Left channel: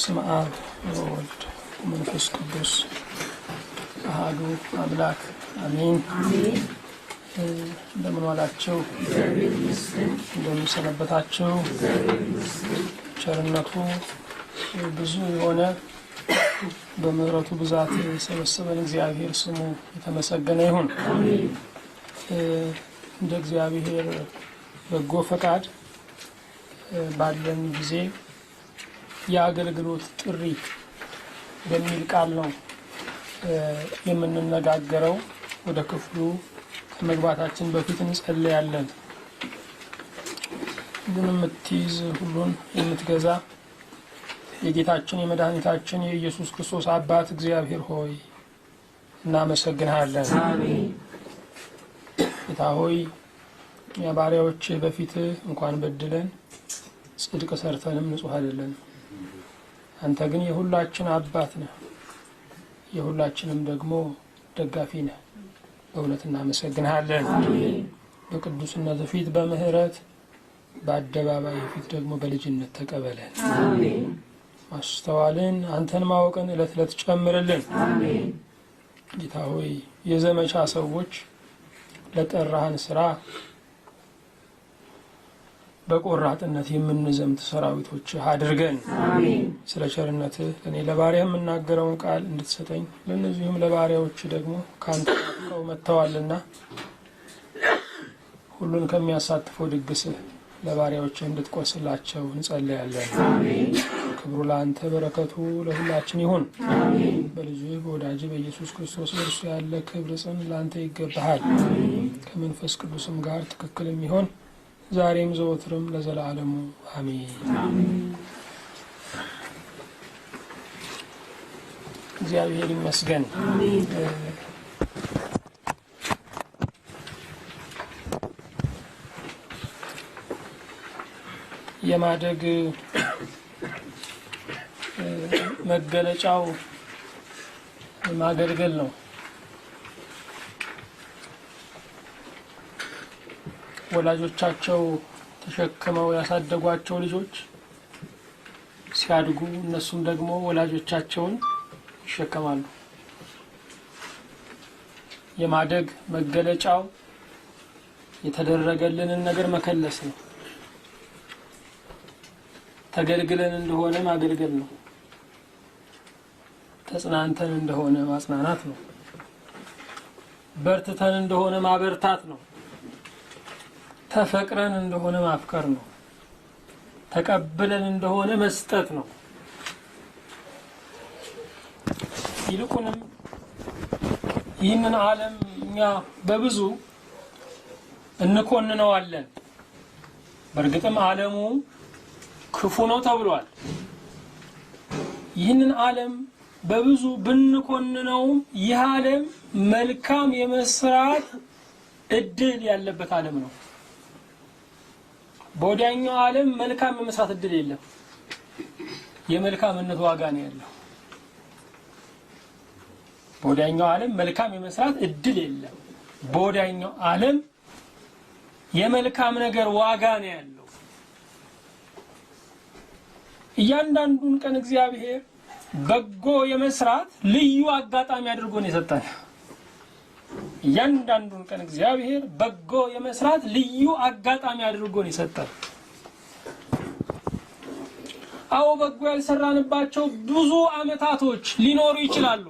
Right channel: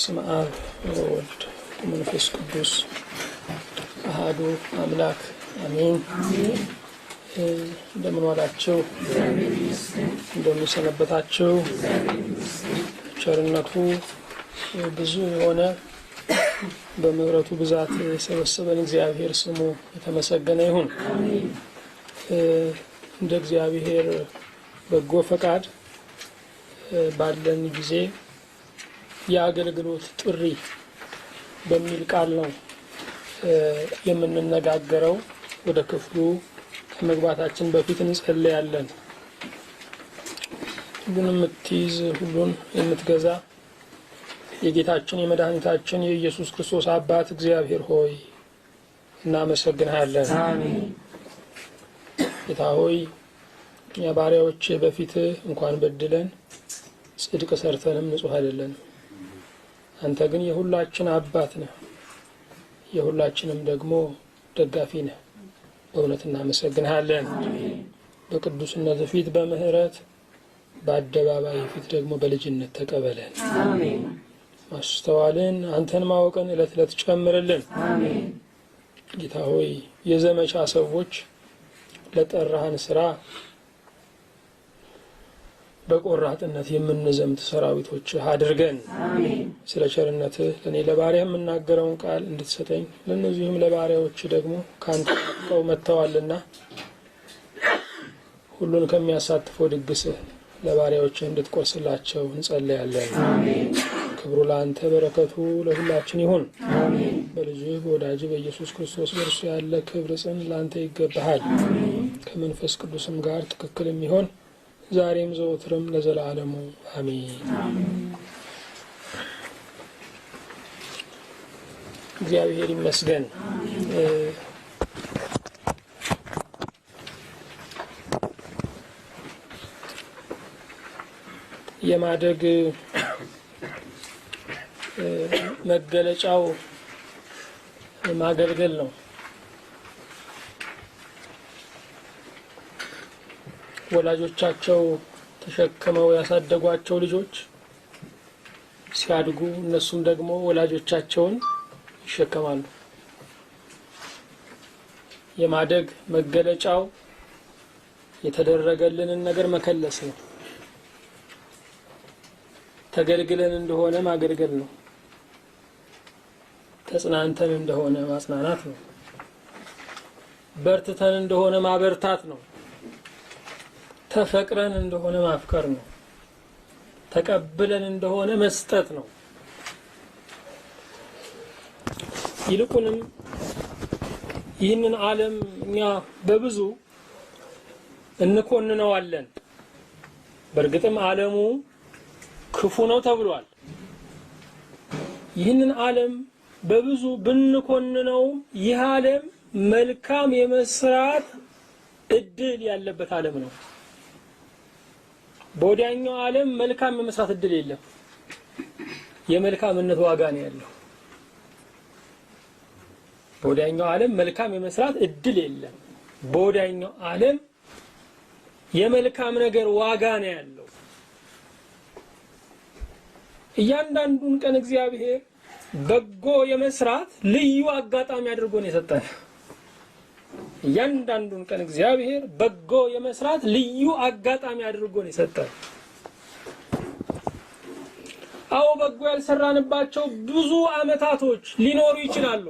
በስመ አብ ወወልድ ወመንፈስ ቅዱስ አሐዱ አምላክ አሜን። እንደምን ዋላችሁ? እንደምን ሰነበታችሁ? ቸርነቱ ብዙ የሆነ በምሕረቱ ብዛት የሰበሰበን እግዚአብሔር ስሙ የተመሰገነ ይሁን። እንደ እግዚአብሔር በጎ ፈቃድ ባለን ጊዜ የአገልግሎት ጥሪ በሚል ቃል ነው የምንነጋገረው። ወደ ክፍሉ ከመግባታችን በፊት እንጸልያለን። ግን የምትይዝ ሁሉን የምትገዛ የጌታችን የመድኃኒታችን የኢየሱስ ክርስቶስ አባት እግዚአብሔር ሆይ እናመሰግንሃለን። ጌታ ሆይ እኛ ባሪያዎች በፊት እንኳን በድለን ጽድቅ ሰርተንም ንጹህ አይደለንም። አንተ ግን የሁላችን አባት ነህ፣ የሁላችንም ደግሞ ደጋፊ ነህ። በእውነት እናመሰግንሃለን። በቅዱስነት ፊት በምህረት በአደባባይ ፊት ደግሞ በልጅነት ተቀበለን። ማስተዋልን አንተን ማወቅን ዕለት ዕለት ጨምርልን። ጌታ ሆይ የዘመቻ ሰዎች ለጠራህን ስራ በቆራጥነት የምንዘምት ሰራዊቶች አድርገን። ስለ ቸርነትህ ለኔ ለባሪያ የምናገረውን ቃል እንድትሰጠኝ ለነዚህም ለባሪያዎች ደግሞ ካንተ ተቀው መተዋልና ሁሉን ከሚያሳትፈው ድግስህ ለባሪያዎች እንድትቆርስላቸው እንጸልያለን። ክብሩ ለአንተ በረከቱ ለሁላችን ይሁን። በልጅህ በወዳጅ በኢየሱስ ክርስቶስ በእርሱ ያለ ክብር ጽን ለአንተ ይገባሃል። ከመንፈስ ቅዱስም ጋር ትክክል የሚሆን ዛሬም ዘወትርም ለዘላለሙ አሜን። እግዚአብሔር ይመስገን። የማደግ መገለጫው ማገልገል ነው። ወላጆቻቸው ተሸክመው ያሳደጓቸው ልጆች ሲያድጉ እነሱም ደግሞ ወላጆቻቸውን ይሸከማሉ። የማደግ መገለጫው የተደረገልንን ነገር መከለስ ነው። ተገልግለን እንደሆነ ማገልገል ነው። ተጽናንተን እንደሆነ ማጽናናት ነው። በርትተን እንደሆነ ማበርታት ነው። ተፈቅረን እንደሆነ ማፍቀር ነው። ተቀብለን እንደሆነ መስጠት ነው። ይልቁንም ይህንን ዓለም እኛ በብዙ እንኮንነዋለን። በእርግጥም ዓለሙ ክፉ ነው ተብሏል። ይህንን ዓለም በብዙ ብንኮንነውም ይህ ዓለም መልካም የመስራት እድል ያለበት ዓለም ነው። በወዲያኛው ዓለም መልካም የመስራት እድል የለም። የመልካምነት ዋጋ ነው ያለው። በወዲያኛው ዓለም መልካም የመስራት እድል የለም። በወዲያኛው ዓለም የመልካም ነገር ዋጋ ነው ያለው። እያንዳንዱን ቀን እግዚአብሔር በጎ የመስራት ልዩ አጋጣሚ አድርጎ ነው የሰጠን። እያንዳንዱን ቀን እግዚአብሔር በጎ የመስራት ልዩ አጋጣሚ አድርጎ ነው የሰጠን። አዎ በጎ ያልሰራንባቸው ብዙ አመታቶች ሊኖሩ ይችላሉ።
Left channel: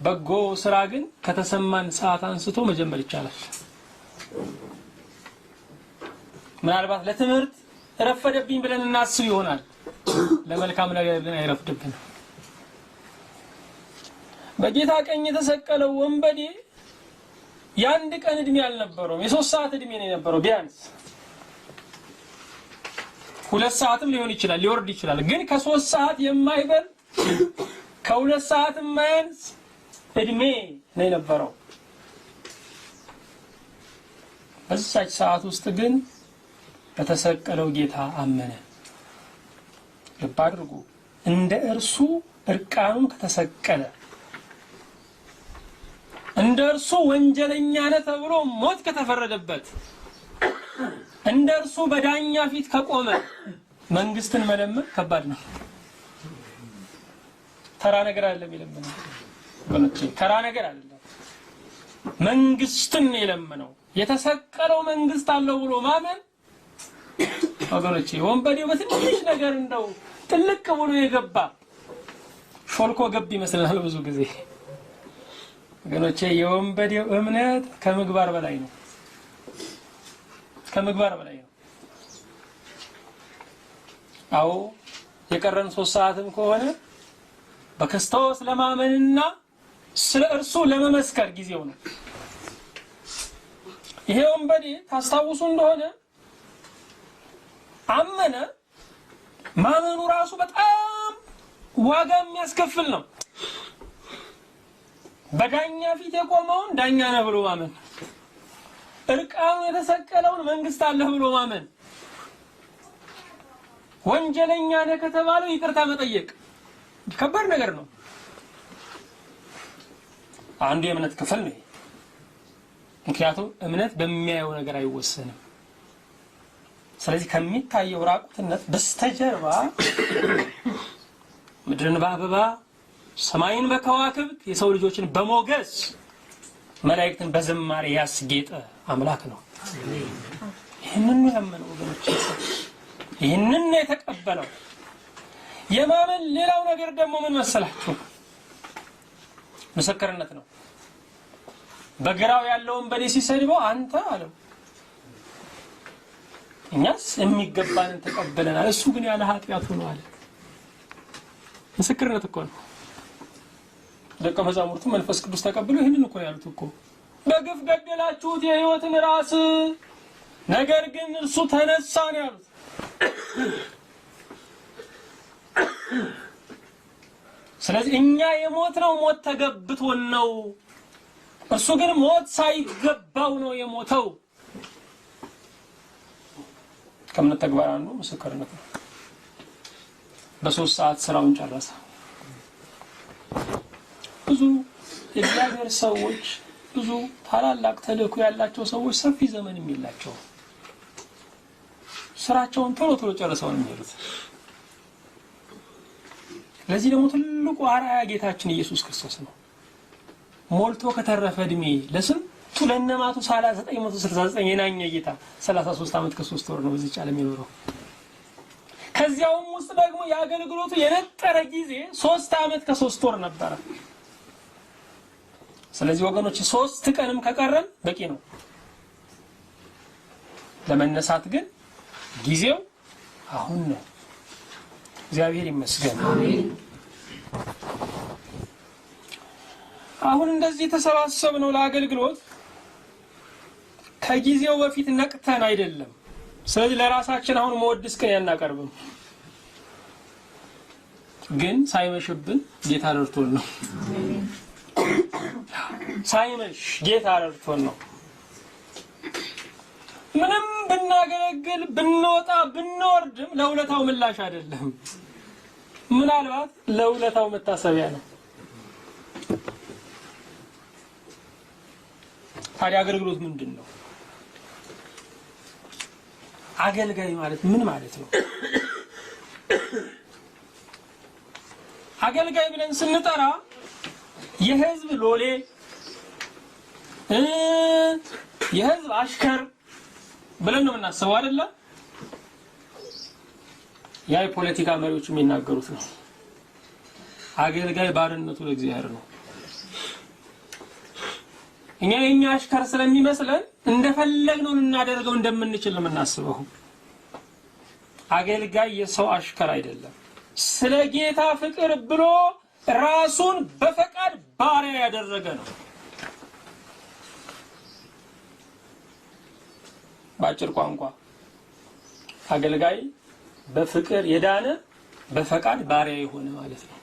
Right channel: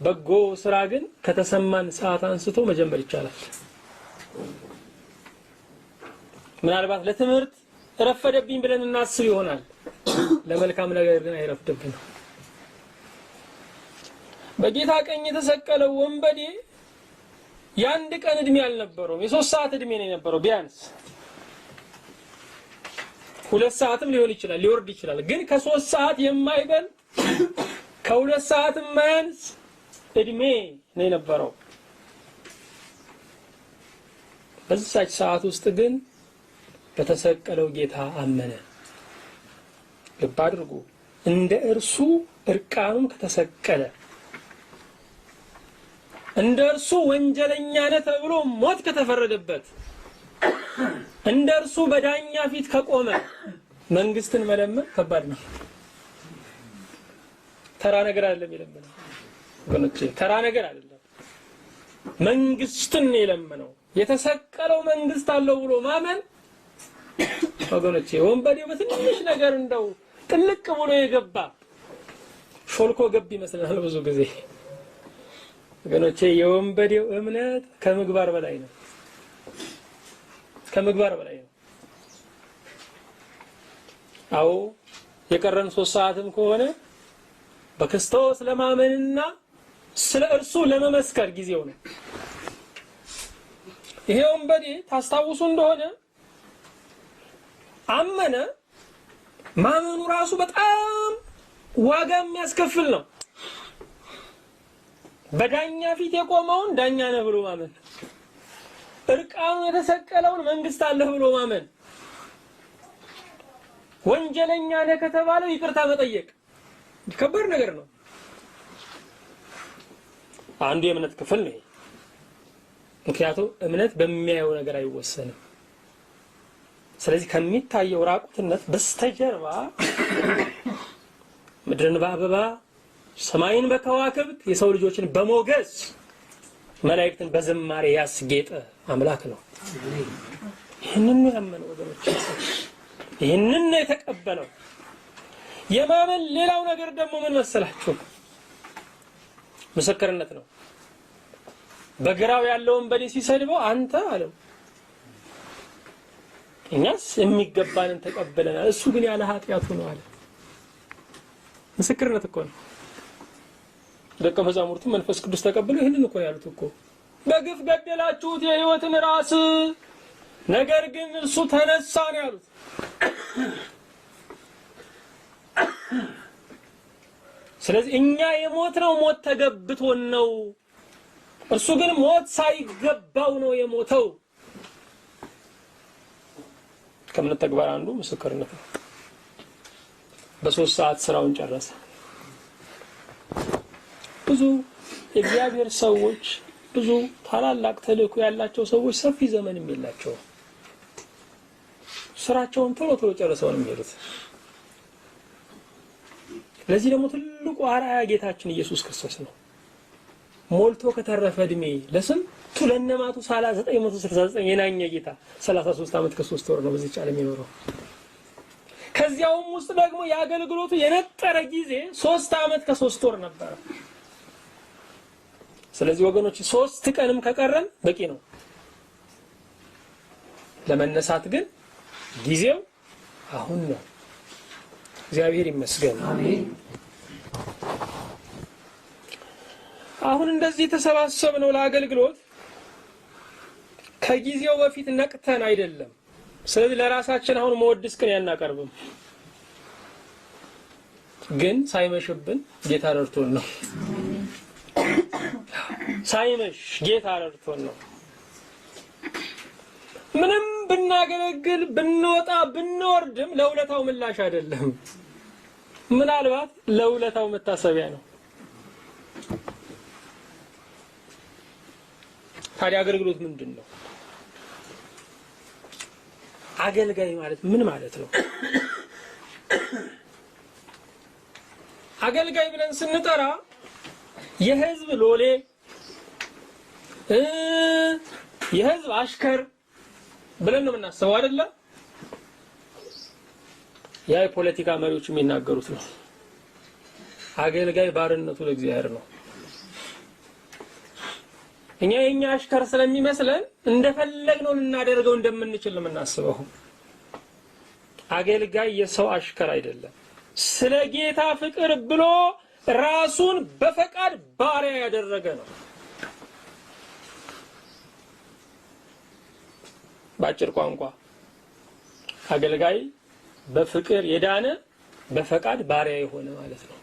በጎ ስራ ግን ከተሰማን ሰዓት አንስቶ መጀመር ይቻላል። ምናልባት ለትምህርት ረፈደብኝ ብለን እናስብ ይሆናል። ለመልካም ነገር ግን አይረፍድብንም። በጌታ ቀኝ የተሰቀለው ወንበዴ የአንድ ቀን እድሜ አልነበረውም። የ3 ሰዓት እድሜ ነው የነበረው። ቢያንስ 2 ሰዓትም ሊሆን ይችላል፣ ሊወርድ ይችላል። ግን ከ3 ሰዓት የማይበል ከ2 ሰዓት የማያንስ እድሜ ነው የነበረው። በዛች ሰዓት ውስጥ ግን በተሰቀለው ጌታ አመነ። ልብ አድርጉ። እንደ እርሱ እርቃኑን ከተሰቀለ እንደ እርሱ ወንጀለኛ ነህ ተብሎ ሞት ከተፈረደበት እንደ እርሱ በዳኛ ፊት ከቆመ መንግስትን መለመን ከባድ ነው። ተራ ነገር አይደለም የለመነው ወገኖቼ፣ ተራ ነገር አይደለም። መንግስትን የለመነው የተሰቀለው መንግስት አለው ብሎ ማመን ወገኖቼ፣ ወንበዴው በትንሽ ነገር እንደው ጥልቅ ብሎ የገባ ሾልኮ ገብ ይመስላል ብዙ ጊዜ ወገኖቼ። የወንበዴው እምነት ከምግባር በላይ ነው፣ ከምግባር በላይ ነው። አዎ የቀረን 3 ሰዓትም ከሆነ በክርስቶስ ለማመንና ስለ እርሱ ለመመስከር ጊዜው ነው። ይሄ ወንበዴ ታስታውሱ እንደሆነ አመነ። ማመኑ ራሱ በጣም ዋጋ የሚያስከፍል ነው። በዳኛ ፊት የቆመውን ዳኛ ነህ ብሎ ማመን፣ እርቃኑ የተሰቀለውን መንግስት አለህ ብሎ ማመን፣ ወንጀለኛ ነህ ከተባለው ይቅርታ መጠየቅ ከባድ ነገር ነው። አንዱ የእምነት ክፍል ነው። ምክንያቱም እምነት በሚያየው ነገር አይወሰንም። ስለዚህ ከሚታየው ራቁትነት በስተጀርባ ምድርን በአበባ ሰማይን በከዋክብት የሰው ልጆችን በሞገስ መላእክትን በዝማሬ ያስጌጠ አምላክ ነው። ይህንን ነው ያመነው ወገኖች፣ ይህንን ነው የተቀበለው። የማመን ሌላው ነገር ደግሞ ምን መሰላችሁ? ምስክርነት ነው። በግራው ያለውን በዲ ሲሰድበው አንተ አለው፣ እኛስ የሚገባንን ተቀበለናል፣ እሱ ግን ያለ ኃጢያቱ ነው አለ። ምስክርነት እኮ ነው። ደቀ መዛሙርቱ መንፈስ ቅዱስ ተቀበሉ ይሄንን እኮ ያሉት እኮ በግፍ ገደላችሁት የሕይወትን ራስ፣ ነገር ግን እርሱ ተነሳ ነው ያሉት። ስለዚህ እኛ የሞትነው ሞት ተገብቶን ነው፣ እርሱ ግን ሞት ሳይገባው ነው የሞተው። ከእምነት ተግባር አንዱ ምስክርነት ነው። በ3 ሰዓት ስራውን ጨረሰ። ብዙ የእግዚአብሔር ሰዎች፣ ብዙ ታላላቅ ተልእኮ ያላቸው ሰዎች ሰፊ ዘመንም የላቸውም። ስራቸውን ቶሎ ቶሎ ጨርሰው ነው የሚሄዱት። ለዚህ ደግሞ ትልቁ አርአያ ጌታችን ኢየሱስ ክርስቶስ ነው። ሞልቶ ከተረፈ እድሜ ለስንቱ ለነማቱ 969 የናኘ ጌታ 33 ዓመት ከ3 ወር ነው በዚህ ዓለም የኖረው። ከዚያውም ውስጥ ደግሞ የአገልግሎቱ የነጠረ ጊዜ 3 ዓመት ከ3 ወር ነበር። ስለዚህ ወገኖች 3 ቀንም ከቀረን በቂ ነው። ለመነሳት ግን ጊዜው አሁን ነው። እግዚአብሔር ይመስገን። አሜን። አሁን እንደዚህ ተሰባሰብነው ለአገልግሎት ከጊዜው በፊት ነቅተን አይደለም። ስለዚህ ለራሳችን አሁን መወድስ ቀን ያናቀርብም፣ ግን ሳይመሽብን ጌታ ረድቶን ነው። ሳይመሽ ጌታ ረድቶን ነው። ምንም ብናገለግል ብንወጣ ብንወርድም ለውለታው ምላሽ አይደለም፣ ምናልባት ለውለታው መታሰቢያ ነው። ታዲያ አገልግሎት ምንድነው? አገልጋይ ማለት ምን ማለት ነው? አገልጋይ ብለን ስንጠራ የህዝብ ሎሌ፣ የህዝብ አሽከር ብለን ነው የምናስበው አይደለ? ያ የፖለቲካ መሪዎች የሚናገሩት ነው። አገልጋይ ባርነቱ ለእግዚአብሔር ነው። እኛ የኛ አሽከር ስለሚመስለን እንደፈለግነው ልናደርገው እንደምንችል ነው የምናስበው። አገልጋይ የሰው አሽከር አይደለም። ስለ ጌታ ፍቅር ብሎ ራሱን በፈቃድ ባሪያ ያደረገ ነው። ባጭር ቋንቋ አገልጋይ በፍቅር የዳነ በፈቃድ ባሪያ የሆነ ማለት ነው።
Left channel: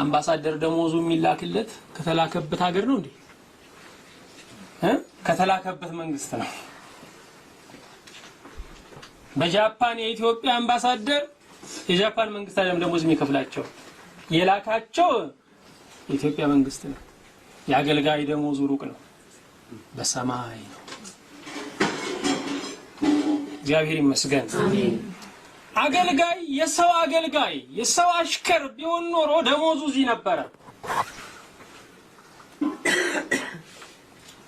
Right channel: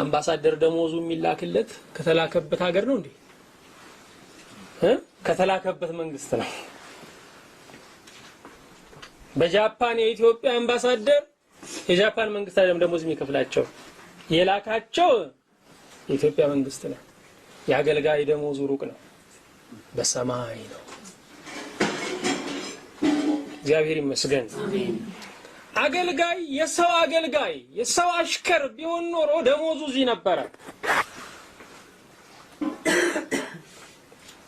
አምባሳደር ደሞዙ የሚላክለት ከተላከበት ሀገር ነው እንዴ? ከተላከበት መንግስት ነው። በጃፓን የኢትዮጵያ አምባሳደር የጃፓን መንግስት አይደለም ደሞዝ የሚከፍላቸው፣ የላካቸው የኢትዮጵያ መንግስት ነው። የአገልጋይ ደሞዙ ሩቅ ነው፣ በሰማይ ነው። እግዚአብሔር ይመስገን። አገልጋይ የሰው አሽከር ቢሆን ኖሮ ደሞዙ እዚህ ነበረ።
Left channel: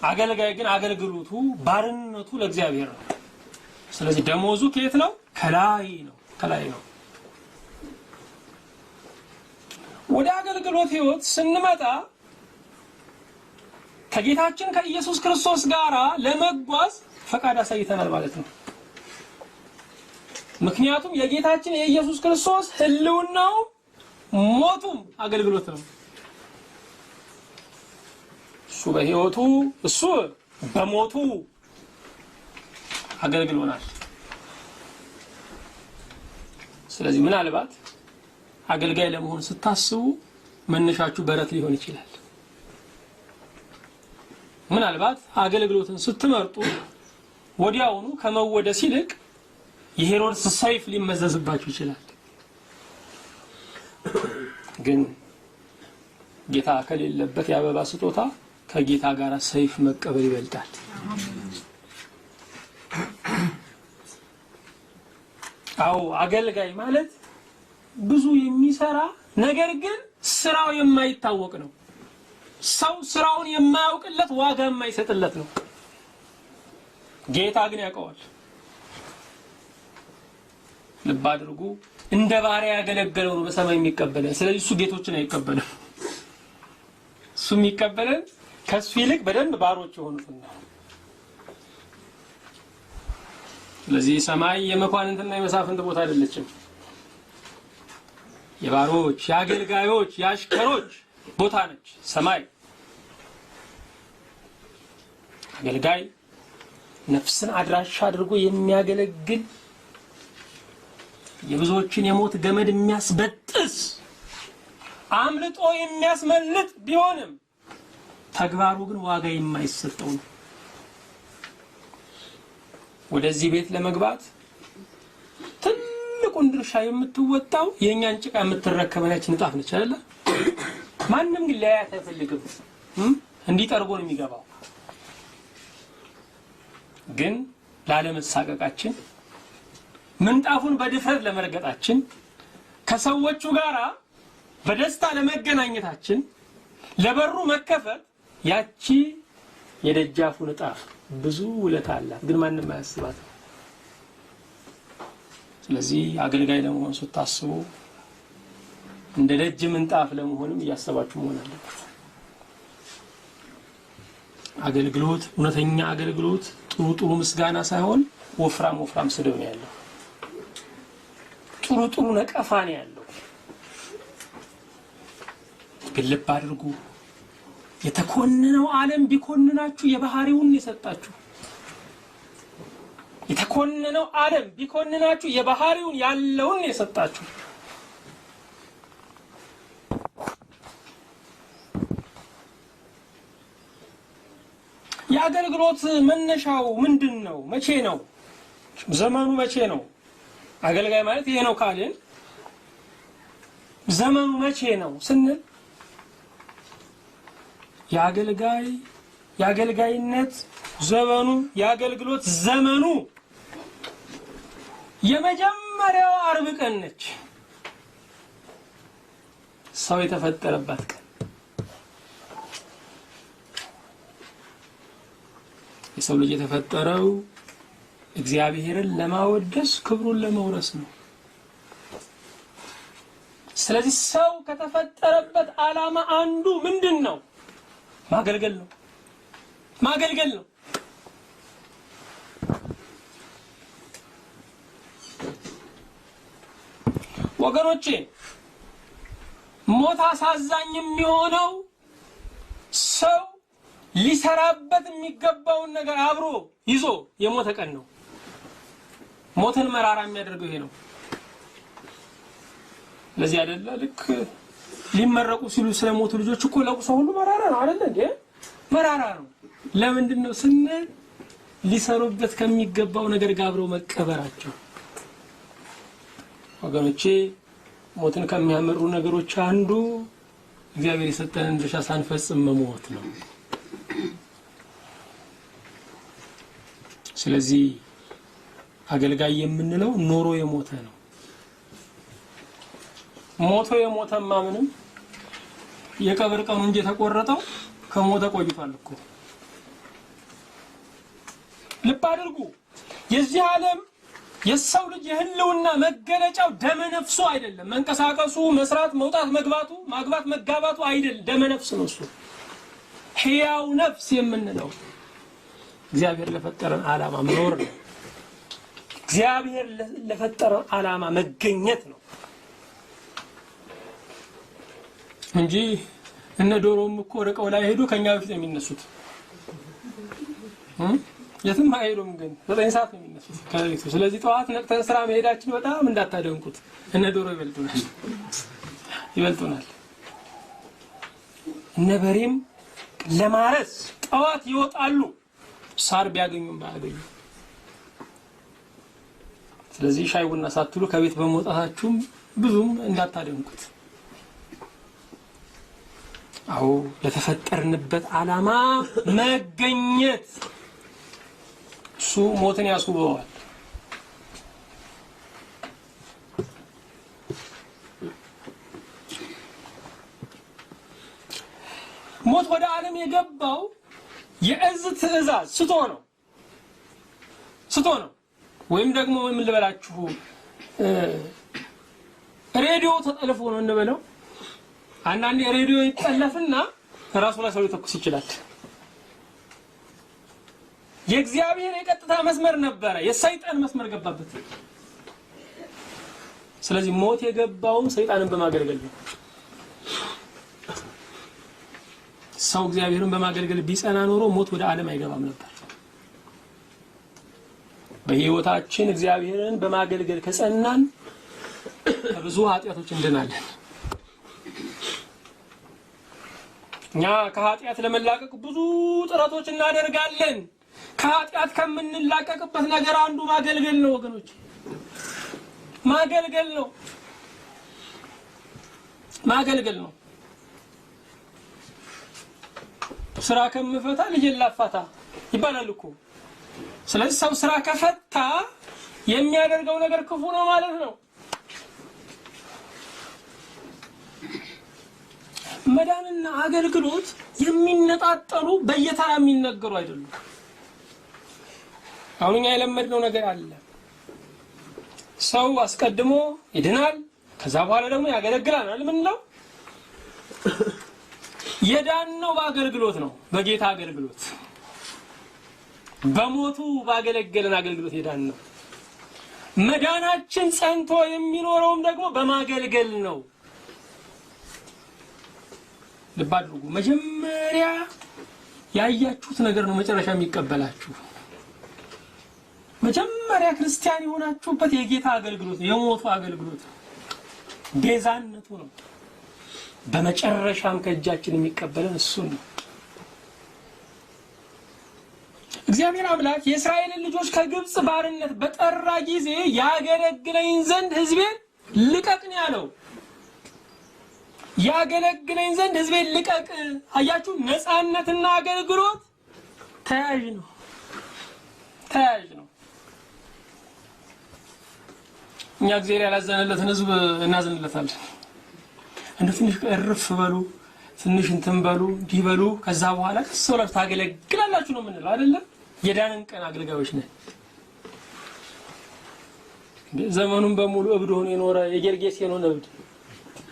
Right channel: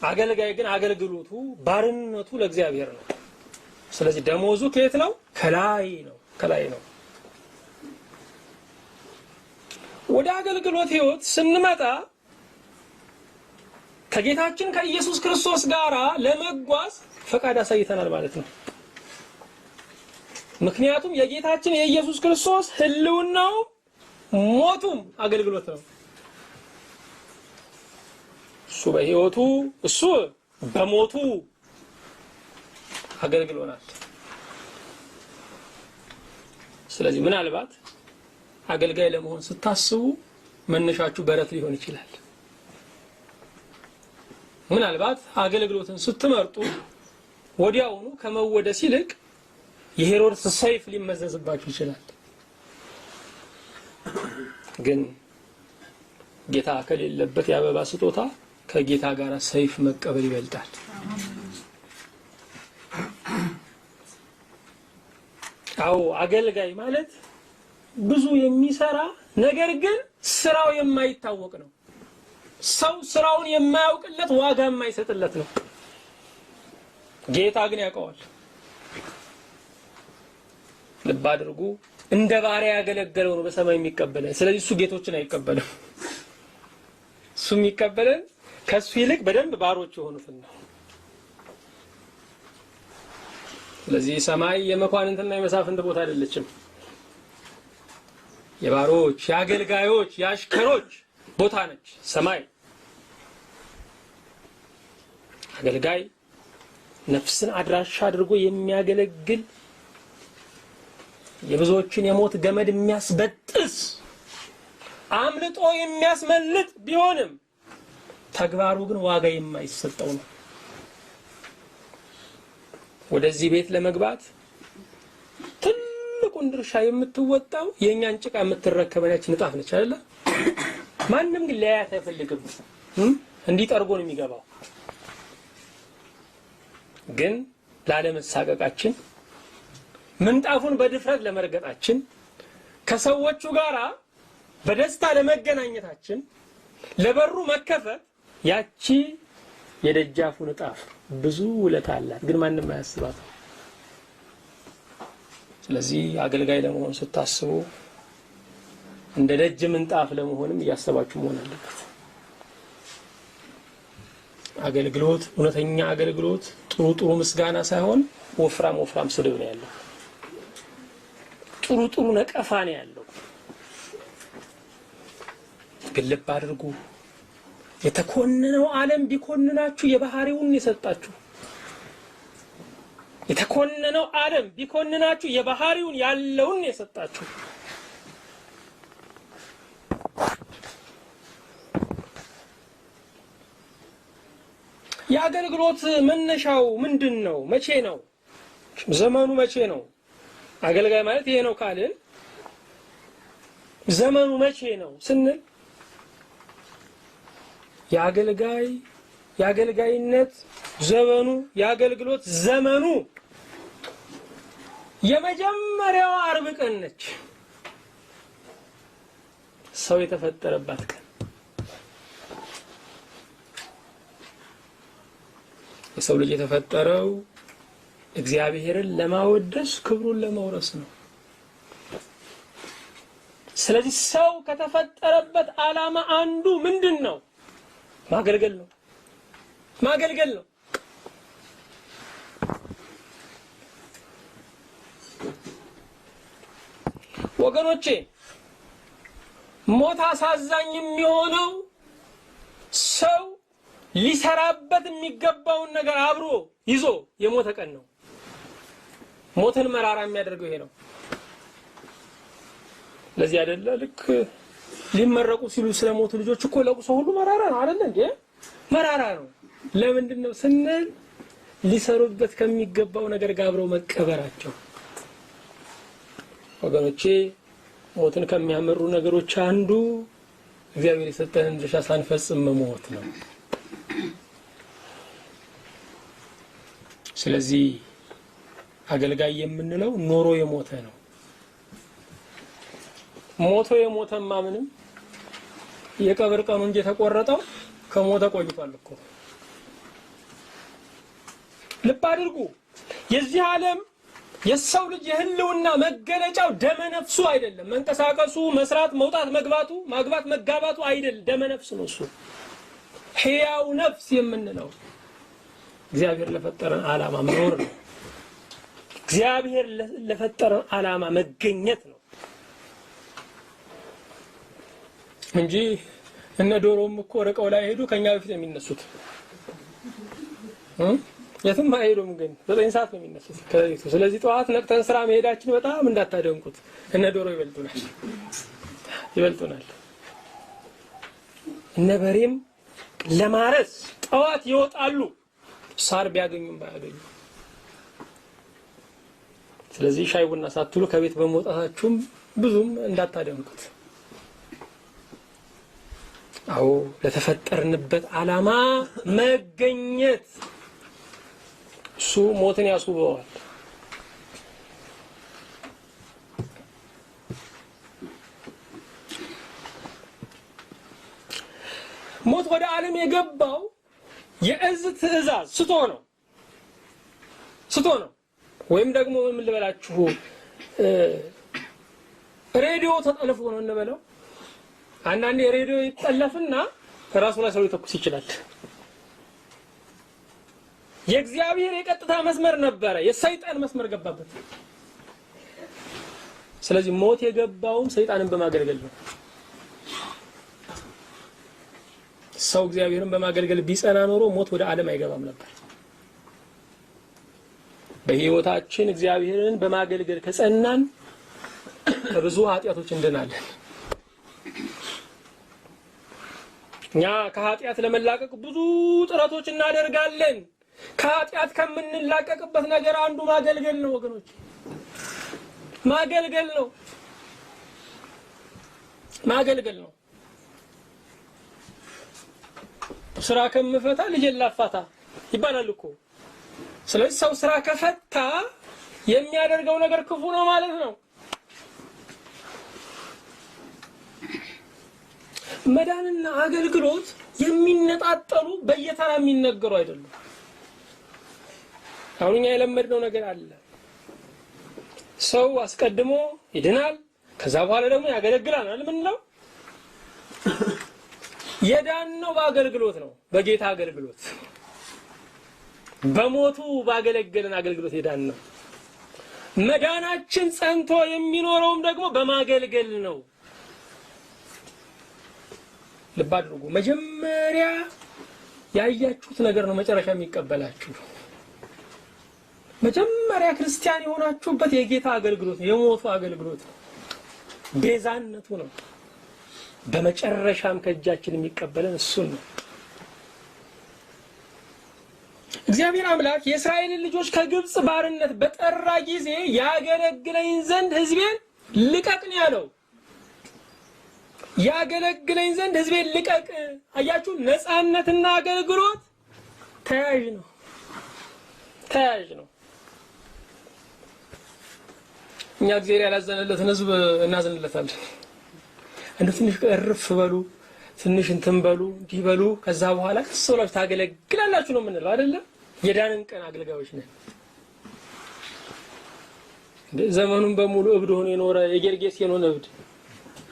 አገልጋይ ግን አገልግሎቱ ባርነቱ ለእግዚአብሔር ነው። ስለዚህ ደሞዙ ከየት ነው? ከላይ ነው። ወደ አገልግሎት ህይወት ስንመጣ ከጌታችን ከኢየሱስ ክርስቶስ ጋር ለመጓዝ ፈቃድ አሳይተናል ማለት ነው። ምክንያቱም የጌታችን የኢየሱስ ክርስቶስ ህልውናው ሞቱም አገልግሎት ነው። እሱ በህይወቱ እሱ በሞቱ አገልግሎናል። ስለዚህ ምናልባት አገልጋይ ለመሆን ስታስቡ መነሻችሁ በረት ሊሆን ይችላል። ምናልባት አገልግሎትን ስትመርጡ ወዲያውኑ ከመወደስ ይልቅ የሄሮድስ ሰይፍ ሊመዘዝባችሁ ይችላል። ግን ጌታ ከሌለበት የአበባ ስጦታ ከጌታ ጋር ሰይፍ መቀበል ይበልጣል። አዎ አገልጋይ ማለት ብዙ የሚሰራ ነገር ግን ስራው የማይታወቅ ነው። ሰው ስራውን የማያውቅለት ዋጋ የማይሰጥለት ነው። ጌታ ግን ያውቀዋል። ልብ አድርጉ። እንደ ባሪያ ያገለገለው ነው በሰማይ የሚቀበለን። ስለዚህ እሱ ጌቶችን አይቀበልም። እሱ የሚቀበለን ከሱ ይልቅ በደንብ ባሮች የሆኑትን ነው። ስለዚህ ሰማይ የመኳንንትና የመሳፍንት ቦታ አይደለችም። የባሮች፣ የአገልጋዮች፣ የአሽከሮች ቦታ ነች ሰማይ። አገልጋይ ነፍስን አድራሻ አድርጎ የሚያገለግል የብዙዎችን የሞት ገመድ የሚያስበጥስ አምልጦ የሚያስመልጥ ቢሆንም ተግባሩ ግን ዋጋ የማይሰጠው ነው። ወደዚህ ቤት ለመግባት ትልቁን ድርሻ የምትወጣው የኛን ጭቃ የምትረከበናች ንጣፍ ነች አይደል? ማንም ግን ሊያያት አይፈልግም። እንዲጠርጎ ነው የሚገባው። ግን ላለመሳቀቃችን፣ ምንጣፉን በድፍረት ለመርገጣችን፣ ከሰዎቹ ጋራ በደስታ ለመገናኘታችን፣ ለበሩ መከፈት ያቺ የደጃፉ ንጣፍ ብዙ ውለታ አላት። ግን ማንም አያስባትም። ስለዚህ አገልጋይ ለመሆን ስታስቡ እንደ ደጅ ምንጣፍ ለመሆንም እያሰባችሁ መሆን አለበት። አገልግሎት፣ እውነተኛ አገልግሎት ጥሩ ምስጋና ሳይሆን ወፍራም ስድብ ነው ያለው። ጥሩ ነቀፋ ነው ያለው። ግን ልብ አድርጉ። የተኮነነው ዓለም ቢኮንናችሁ የባህሪውን የሰጣችሁ። የተኮነነው ዓለም ቢኮንናችሁ የባህሪውን ያለውን የሰጣችሁ። የአገልግሎት መነሻው ምንድነው? መቼ ነው? ዘመኑ መቼ ነው? አገልጋይ ማለት ይሄ ነው ካልን ዘመኑ መቼ ነው ስንል የአገልጋይነት ዘመኑ የአገልግሎት ዘመኑ የመጀመሪያው ዓርብ ቀን ነች። ሰው የተፈጠረባት ቀን። የሰው ልጅ የተፈጠረው እግዚአብሔርን ለማወደስ ክብሩን ለመውረስ ነው። ስለዚህ ሰው ከተፈጠረበት ዓላማ አንዱ ምንድነው? ማገልገል ነው። ወገኖቼ ሞት አሳዛኝ የሚሆነው ሰው ሊሰራበት የሚገባውን ነገር አብሮ ይዞ የሞተ ቀን ነው። ሞትን መራራ የሚያደርገው ይሄ ነው። ለዚህ አይደለ ልክ ሊመረቁ ሲሉ ስለሞቱ ልጆች እኮ ለቅሶ ሁሉ መራራ ነው አይደል እንዴ? መራራ ነው። ለምንድን ነው ስንል ሊሰሩበት ከሚገባው ነገር ጋር አብረው መቀበራቸው። ወገኖቼ ሞትን ከሚያመሩ ነገሮች አንዱ እግዚአብሔር የሰጠንን ድርሻ ሳንፈጽም መሞት ነው። ስለዚህ አገልጋይ የምንለው ኖሮ የሞተ ነው። ሞቶ የሞተማ ምንም የቀብር ቀኑ እንጂ ተቆረጠው ከሞተ ቆይቷል እኮ። ልብ አድርጉ። የዚህ ዓለም የሰው ልጅ የህልውና መገለጫው ደመ ነፍሱ አይደለም። መንቀሳቀሱ፣ መስራት፣ መውጣት፣ መግባቱ፣ ማግባት፣ መጋባቱ አይደለም። ደመ ነፍስ ነው እሱ። ሕያው ነፍስ የምንለው እግዚአብሔር ለፈጠረን ዓላማ መኖር ነው። እግዚአብሔር ለፈጠረን ዓላማ መገኘት ነው እንጂ እነ ዶሮም እኮ ርቀው ላይ ሄዱ ከኛ በፊት ነው የሚነሱት። የትም አይሄዱም፣ ግን 9 ሰዓት ነው የሚነሱት ከቤቱ። ስለዚህ ጠዋት ነቅተን ስራ መሄዳችን በጣም እንዳታደንቁት። እነ ዶሮ ይበልጡናል። እነ በሬም ለማረስ ጠዋት ይወጣሉ፣ ሳር ቢያገኙም ባያገኙ። ስለዚህ ሻይ ቡና ሳትሉ ከቤት በመውጣታችሁም ብዙም እንዳታደንቁት። አዎ ለተፈጠርንበት ዓላማ መገኘት እሱ ሞትን ያስውበዋል። ሞት ወደ ዓለም የገባው የእዝ ትእዛዝ ስቶ ነው ወይም ደግሞ ምን ልበላችሁ ሬዲዮ ተጠልፎ ነው እንበለው። አንዳንዴ ሬዲዮ ይጠለፍና ራሱ ላይ ሰው ሊተኩስ ይችላል። የእግዚአብሔር የቀጥታ መስመር ነበረ፣ የሰይጣን መስመር ገባበት። ስለዚህ ሞት የገባው ሰይጣንን በማገልገል ነው። ሰው እግዚአብሔርን በማገልገል ቢጸና ኖሮ ሞት ወደ ዓለም አይገባም ነበር። በህይወታችን እግዚአብሔርን በማገልገል ከጸናን ብዙ ኃጢያቶች እንድናለን። እኛ ከኃጢያት ለመላቀቅ ብዙ ጥረቶች እናደርጋለን። ከኃጢያት ከምንላቀቅበት ነገር አንዱ ማገልገል ነው ወገኖች፣ ማገልገል ነው። ስራ ከምፈታ ልጅን ላፋታ ይባላል እኮ። ስለዚህ ሰው ስራ ከፈታ የሚያደርገው ነገር ክፉ ነው ማለት ነው። መዳንና አገልግሎት የሚነጣጠሉ በየተራ የሚነገሩ አይደሉም። አሁን እኛ የለመድነው ነገር አለ። ሰው አስቀድሞ ይድናል፣ ከዛ በኋላ ደግሞ ያገለግላል አይደል? ምን ነው የዳነው በአገልግሎት ነው፣ በጌታ አገልግሎት፣ በሞቱ ባገለገለን አገልግሎት የዳነው። መዳናችን ጸንቶ የሚኖረውም ደግሞ በማገልገል ነው። ልብ አድርጉ። መጀመሪያ ያያችሁት ነገር ነው መጨረሻ የሚቀበላችሁ። መጀመሪያ ክርስቲያን የሆናችሁበት የጌታ አገልግሎት ነው፣ የሞቱ አገልግሎት ነው፣ ቤዛነቱ ነው። በመጨረሻም ከእጃችን የሚቀበለን እሱ ነው። እግዚአብሔር አምላክ የእስራኤልን ልጆች ከግብጽ ባርነት በጠራ ጊዜ ያገለግለኝ ዘንድ ሕዝቤን ልቀቅ ነው ያለው። ያገለግለኝ ዘንድ ሕዝቤን ልቀቅ። አያችሁ፣ ነፃነትና አገልግሎት ተያያዥ ነው። እኛ እግዚአብሔር ያላዘነለትን ሕዝብ እናዝንለታለን። እንደው ትንሽ እርፍ በሉ፣ ትንሽ እንትን በሉ፣ እንዲህ በሉ፣ ከዛ በኋላ ቀስ ብላችሁ ታገለግላላችሁ ነው የምንለው አይደለም? የዳንን ቀን አገልጋዮች ነን። ዘመኑን በሙሉ እብድ ሆኖ የኖረ የጌርጌሴኖን እብድ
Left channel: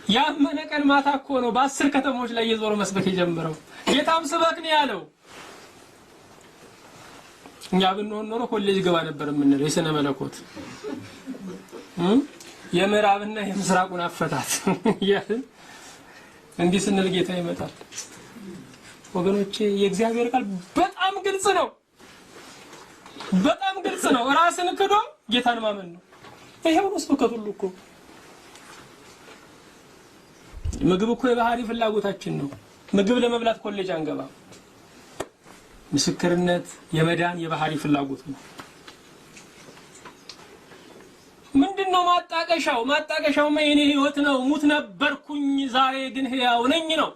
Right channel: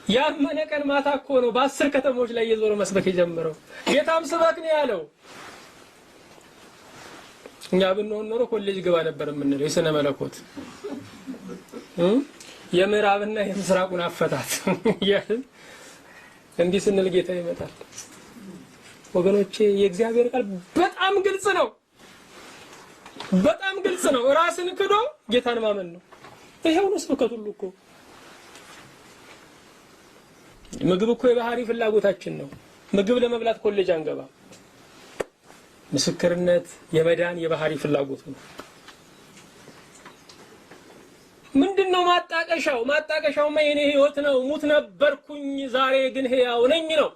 ያመነ ቀን ማታ እኮ ነው በ10 ከተሞች ላይ የዞረ መስበክ የጀመረው። ጌታም ስበክ ነው ያለው። እኛ ብንሆን ኖሮ ኮሌጅ ገባ ነበር የምንለው የሥነ መለኮት የምዕራብና የምስራቁን አፈታት ያልን እንዲህ ስንል ጌታ ይመጣል። ወገኖቼ የእግዚአብሔር ቃል በጣም ግልጽ ነው። ራስን ክዶ ጌታን ማመን ነው። ይሄው ነው ስብከቱ ሁሉ እኮ። ምግብ እኮ የባህሪ ፍላጎታችን ነው። ምግብ ለመብላት ኮሌጅ አንገባ። ምስክርነት የመዳን የባህሪ ፍላጎት ነው። ምንድነው ማጣቀሻው? ማጣቀሻውማ የኔ ህይወት ነው። ሙት ነበርኩኝ ዛሬ ግን ሕያው ነኝ ነው።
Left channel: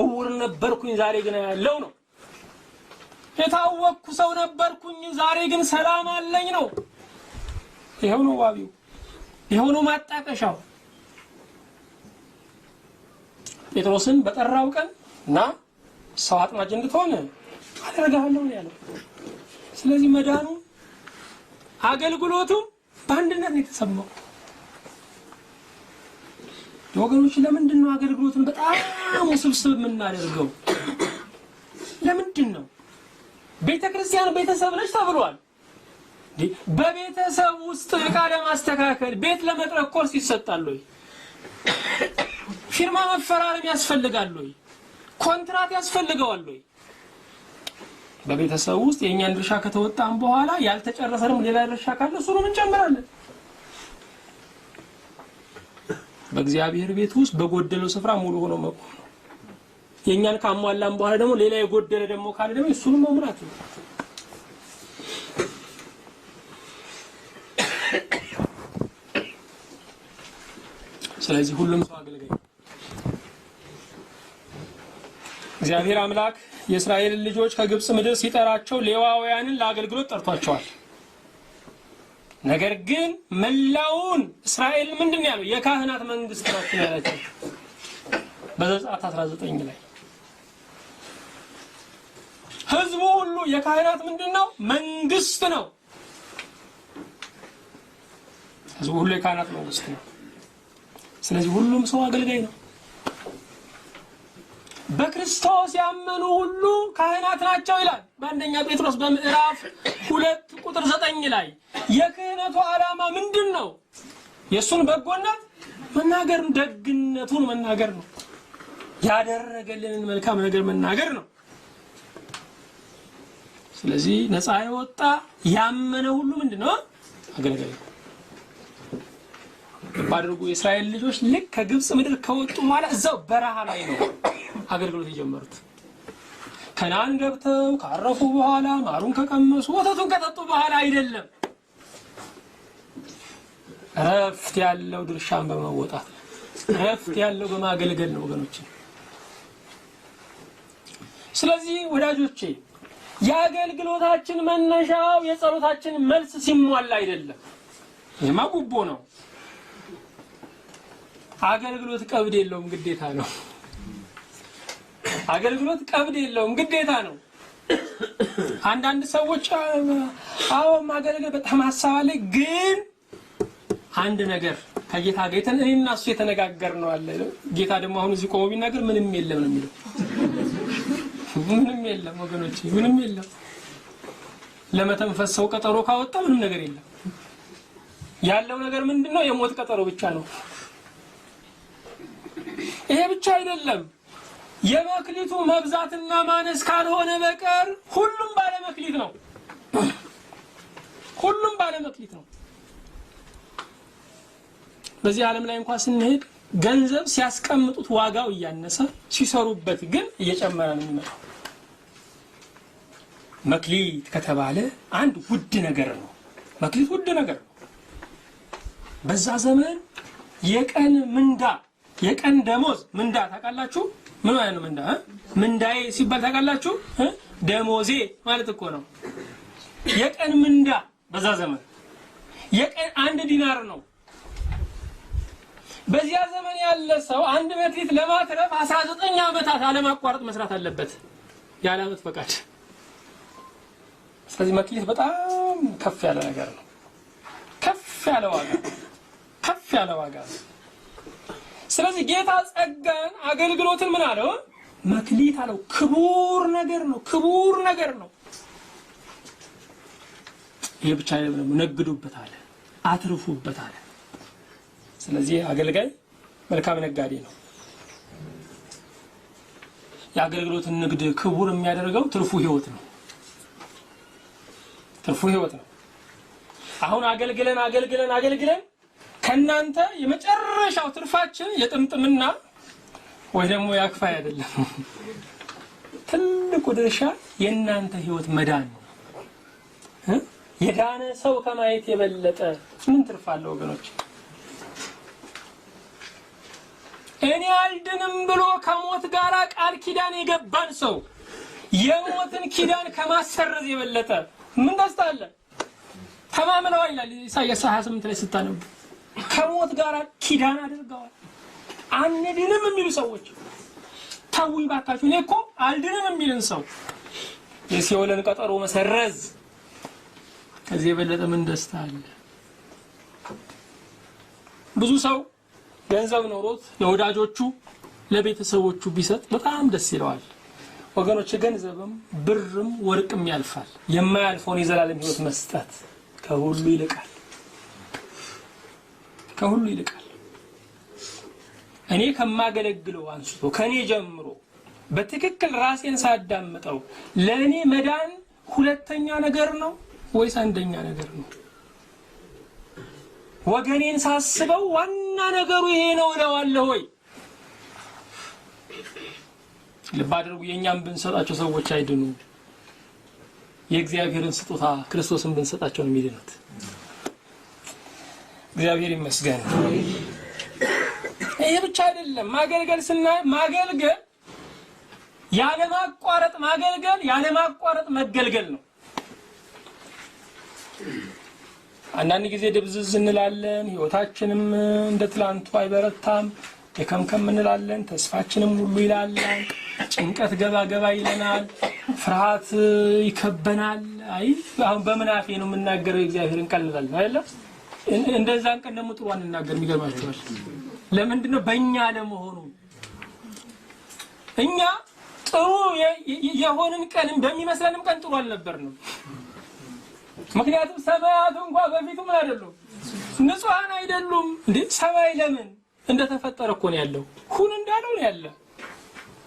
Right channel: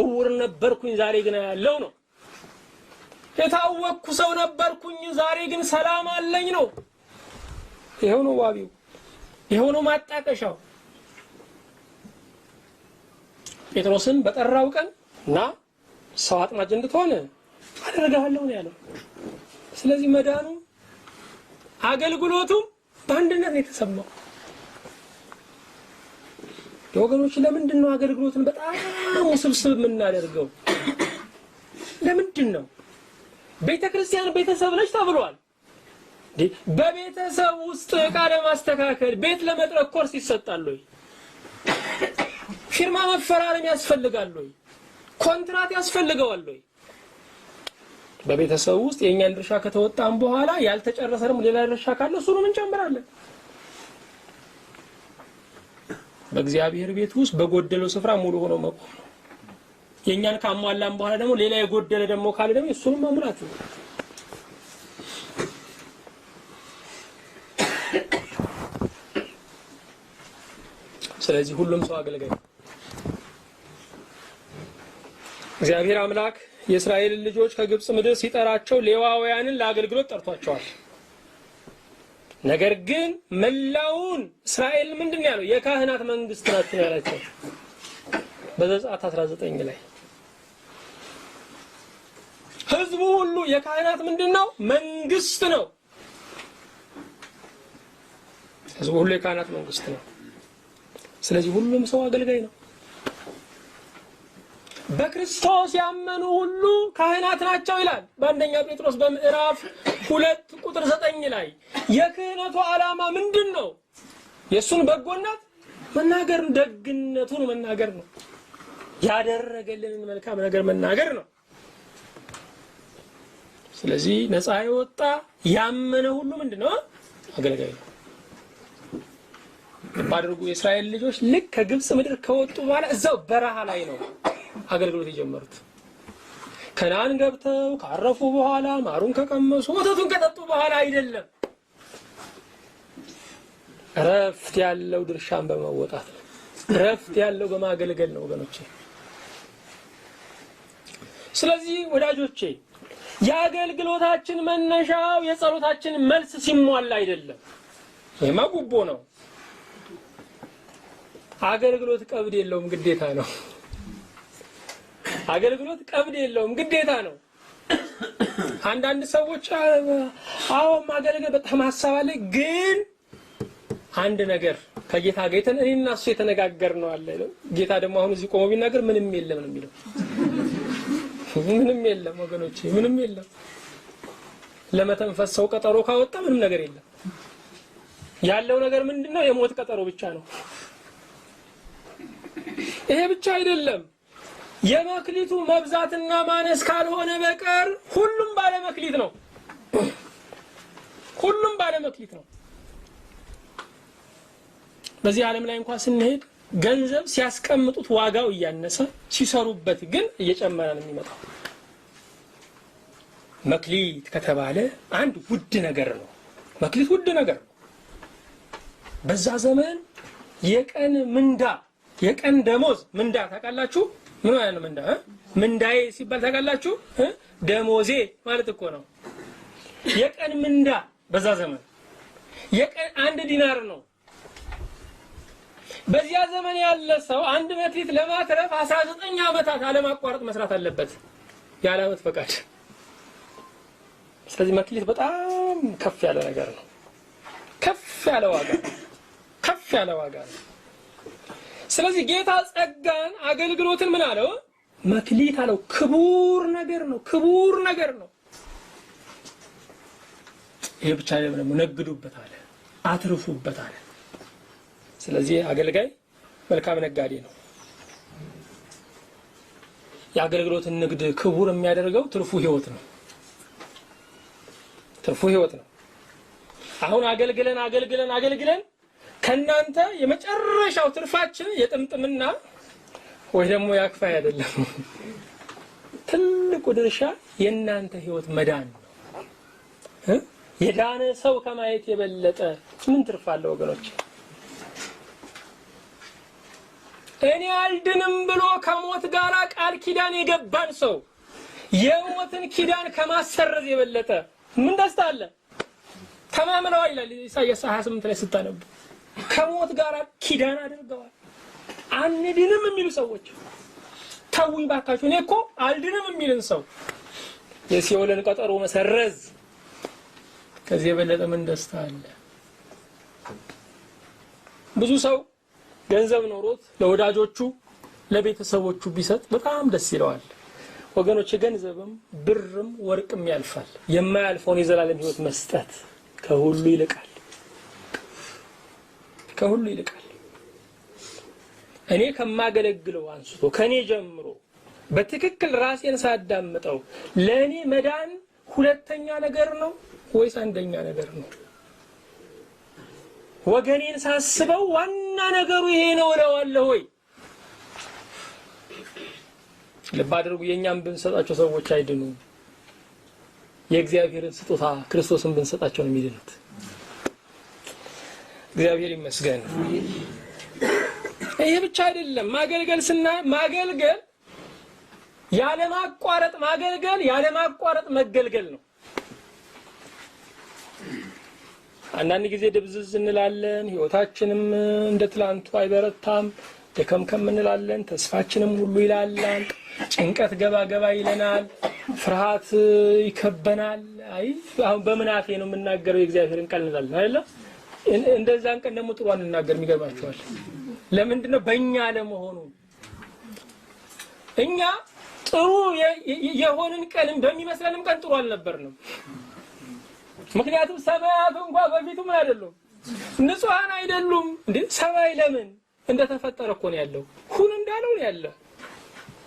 እውር ነበርኩኝ ዛሬ ግን ያለው ነው። የታወቅኩ ሰው ነበርኩኝ ዛሬ ግን ሰላም አለኝ ነው። ይሄው ነው ዋቢው፣ ይሄው ነው ማጣቀሻው። ጴጥሮስን በጠራው ቀን ና ሰው አጥማጅ እንድትሆን አደርግሃለሁ ነው ያለው። ስለዚህ መዳኑ አገልግሎቱም በአንድነት ነው የተሰማው። ወገኖች ለምንድን ነው አገልግሎትን በጣም ውስብስብ የምናደርገው? ለምንድን ነው? ቤተክርስቲያን ቤተሰብ ነች ተብሏል። በቤተሰብ ውስጥ ዕቃ ለማስተካከል ቤት ለመጥረግ ኮርስ ይሰጣል ወይ? ፊርማ መፈራረም ያስፈልጋል ወይ? ኮንትራት ያስፈልገዋል ወይ? በቤተሰብ ውስጥ የኛን ድርሻ ከተወጣን በኋላ ያልተጨረሰንም ሌላ ድርሻ ካለ እሱንም እንጨምራለን። በእግዚአብሔር ቤት ውስጥ በጎደለው ስፍራ ሙሉ ሆኖ መቆም ነው። የኛን ካሟላን በኋላ ደግሞ ሌላ የጎደለ ደግሞ ካለ ደግሞ እሱንም መሙላት ነው። ስለዚህ ሁሉም ሰው አገልጋይ ነው። እግዚአብሔር አምላክ የእስራኤል ልጆች ከግብጽ ምድር ሲጠራቸው ሌዋውያንን ለአገልግሎት ጠርቷቸዋል። ነገር ግን መላውን እስራኤል ምንድነው ያለው? የካህናት መንግስት ናቸው ያላቸው በዘጸአት 19 ላይ። ህዝቡ ሁሉ የካህናት ምንድነው? መንግስት ነው። ህዝቡ ሁሉ የካህናት መንግስት ነው። ስለዚህ ሁሉም ሰው አገልጋይ ነው። በክርስቶስ ያመኑ ሁሉ ካህናት ናቸው ይላል በአንደኛ ጴጥሮስ በምዕራፍ 2 ቁጥር 9 ላይ። የክህነቱ ዓላማ ምንድነው? የሱን በጎነት መናገር፣ ደግነቱን መናገር ነው። ያደረገልንን መልካም ነገር መናገር ነው። ስለዚህ ነፃ የወጣ ያመነ ሁሉ ምንድነው? አገልጋይ ነው። ባድርጉ የእስራኤል ልጆች ልክ ከግብጽ ምድር ከወጡ በኋላ እዛው በረሃ ላይ ነው አገልግሎት የጀመሩት። ከነዓን ገብተው ካረፉ በኋላ ማሩን ከቀመሱ ወተቱን ከጠጡ በኋላ አይደለም። ረፍት ያለው ድርሻን በመወጣት ረፍት ያለው በማገልገል ነው ወገኖቼ። ስለዚህ ወዳጆቼ የአገልግሎታችን መነሻው የጸሎታችን መልስ ሲሟላ አይደለም። ይሄማ ጉቦ ነው። አገልግሎት ቀብድ የለውም፣ ግዴታ ነው። አገልግሎት ቀብድ የለውም፣ ግዴታ ነው። አንዳንድ ሰዎች አዎ ማገልገል በጣም ሐሳባለ ግን አንድ ነገር ከጌታ ጋር እኔና እሱ የተነጋገርነው አለ። ጌታ ደግሞ አሁን እዚህ ቆሞ ቢናገር ምንም የለም ነው የሚለው። ምንም የለም ወገኖቼ፣ ምንም የለም። ለመተንፈስ ሰው ቀጠሮ ካወጣ ምንም ነገር የለም። ያለው ነገር ምንድነው? የሞት ቀጠሮ ብቻ ነው። ይሄ ብቻ አይደለም። የመክሊቱ መብዛትና ማነስ ካልሆነ በቀር ሁሉም ባለ መክሊት ነው። ሁሉም ባለ መክሊት ነው። በዚህ ዓለም ላይ እንኳን ስንሄድ ገንዘብ ሲያስቀምጡት ዋጋው እያነሰ ሲሰሩበት ግን እየጨመረ ነው የሚመጣው። መክሊት ከተባለ አንድ ውድ ነገር ነው። መክሊት ውድ ነገር ነው። በዛ ዘመን የቀን ምንዳ የቀን ደሞዝ ምንዳ ታውቃላችሁ? ምን ማለት ነው ምንዳ? ምንዳዬ ሲባል ታውቃላችሁ? ደሞዜ ማለት እኮ ነው። የቀን ምንዳ በዛ ዘመን የቀን 1 ዲናር ነው። በዚያ ዘመን ያለ ሰው አንድ መክሊት ለማትረፍ 19 ዓመታት አለማቋረጥ መስራት አለበት ያለ ዓመት ፈቃድ። ስለዚህ መክሊት በጣም ከፍ ያለ ነገር ነው። ከፍ ያለ ዋጋ ነው። ስለዚህ ጌታ ጸጋን አገልግሎትን ምን አለው? መክሊት አለው። ክቡር ነገር ነው። ይሄ ብቻ አይደለም፣ ነግዱበት አለ፣ አትርፉበት አለ። ስለዚህ አገልጋይ መልካም ነጋዴ ነው። የአገልግሎትን ንግድ ክቡር የሚያደርገው ትርፉ ህይወት ነው። አሁን አገልግለን ከናንተ የመጨረሻው ትርፋችን የጥምጥምና ወይ ደግሞ ያክፋይ አይደለም። ትልቁ ድርሻ የናንተ ህይወት መዳን ነው። የዳነ ሰው ከማየት የበለጠ ምን ትርፍ አለው ወገኖች? እኔ አልድንም ብሎ ከሞት ጋር ቃል ኪዳን የገባን ሰው የሞትን ኪዳን ከማሰረዝ የበለጠ ምን ደስታ አለ? ተማምነዋል ይላል ኢሳይያስ 28 ላይ ስታነቡ። ከሞት ጋር ኪዳን አድርገዋል። አንድንም የሚሉ ሰዎች ታውይ ባካችሁ፣ እኔ እኮ አልድንም የሚልን ሰው የሲኦልን ቀጠሮ መሰረዝ ከዚህ የበለጠ ምን ደስታ አለ? ብዙ ሰው ገንዘብ ኖሮት ለወዳጆቹ ለቤተሰቦቹ ቢሰጥ በጣም ደስ ይለዋል። ወገኖች ገንዘብም ብርም ወርቅም ያልፋል። የማያልፈውን የዘላለም ሕይወት መስጠት ከሁሉ ይልቃል። ከሁሉ ይልቃል። እኔ ከማገለግለው አንስቶ ከኔ ጀምሮ በትክክል ራሴን ሳዳምጠው ለኔ መዳን ሁለተኛ ነገር ነው ወይስ አንደኛ ነገር ነው? ወገኔን ሳስበው ዋና ነገሩ ይሄ ነው እለዋለሁ ወይ? ልብ አድርጉ። የኛም ብንሰጣቸው ሰዎች አይድኑ። የእግዚአብሔርን ስጦታ ክርስቶስን ብንሰጣቸው ነው የሚድኑት። እግዚአብሔር ይመስገን። ይሄ ብቻ አይደለም። ማገልገል ያለ ማቋረጥ ማገልገል ያለ ማቋረጥ መገልገል ነው። አንዳንድ ጊዜ ድብዝዝ እንላለን። ህይወታችንም እንደ ትላንቱ አይበረታም። ደከምከም እንላለን። ተስፋችንም ሁሉ ይላላል። ጭንቀት ገባ ይለናል። ፍርሃት ይከበናል። አይ አሁን በመናፌ ነው የምናገረው የእግዚአብሔርን ቃል እንላለን አይደል? እንደዛን ቀን ደግሞ ጥሩ አንናገር። የሚገርማችኋል ለምንድን ነው? በእኛ ለመሆኑ እኛ ጥሩ የሆንን ቀንም በሚመስለንም ቀን ጥሩ አልነበርንም። ምክንያቱም ሰማያቱ እንኳን በፊቱ ምን አይደሉም? ንጹሃን አይደሉም እንዴ? ሰማይ ለምን እንደተፈጠረ እኮ ነው ያለው። ሁን እንዳለው ነው ያለ።